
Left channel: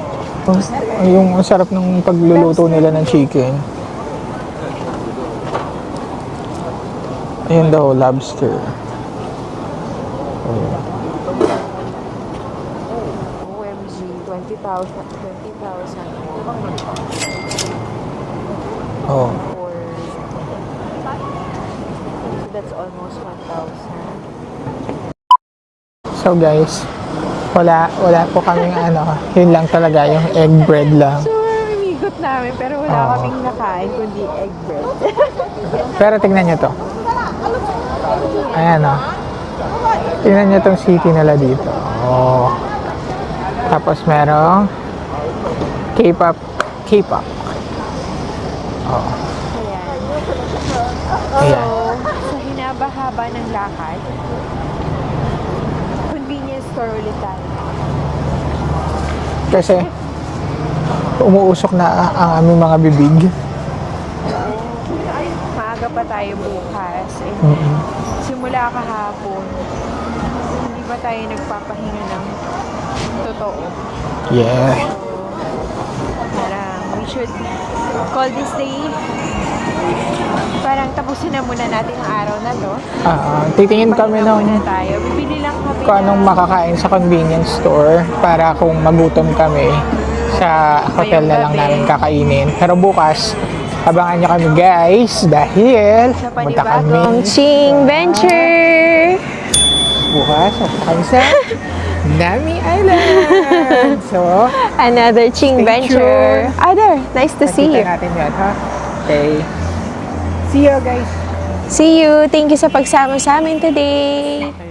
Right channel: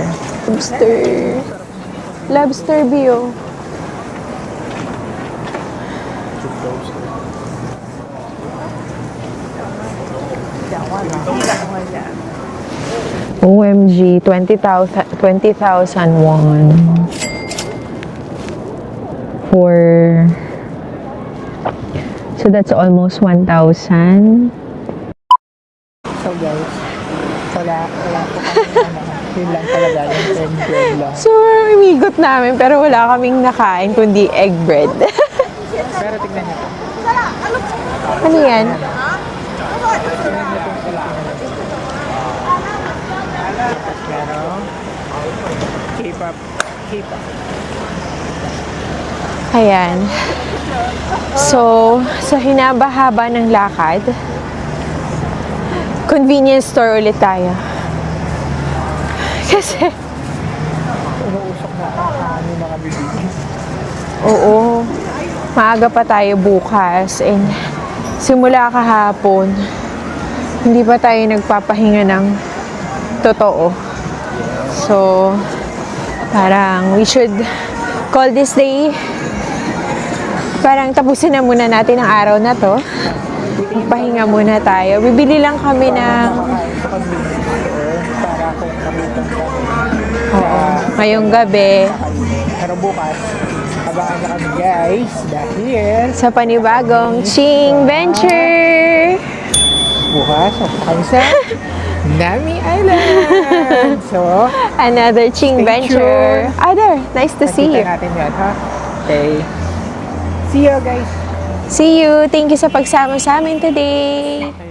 Lobster. yung sarap ng pagluluto Lobster nila ng view. chicken. Ayun daw, lobster. OMG, 20,000 won Oh. So that's almost 1,000. So guys, wala po kaming yun lang talaga, yung egg bread lang. So, umigot namin pero wala kaming nakain kundi egg bread. Pero tignan nyo to. Ano yan? Ayan tignan nyo tong city nila dito. Oh. Tapos merong K-pop. Ayan. So, sa hinaba-haba ng lakad, convenience store ulit tayo. Kasi umuusok na ang aming mga bibig. Oo. Maaga pa tayo bukas. And simula kahapon, hindi pa tayo nagpapahinga ng totoo. Yes. So, parang we should call this day. Parang tapusin na muna natin ang araw na to. Titingin kami Pahinga ng muna tayo. Bibili lang kami kung anong na makakain sa convenience store para kung magutom kami sa hotel Ngayong na lang gabi. namin kakainin. Pero bukas, abangan nyo kami guys dahil sa punta panibagong kami Ching sa- Venture. Bukas, punta kami sa Nami Island. So, Another Ching Stay Venture. There. Nice to see you. nakita natin yun, ha? Okay. See you guys. See you. Thank you sa pagsama sa amin today.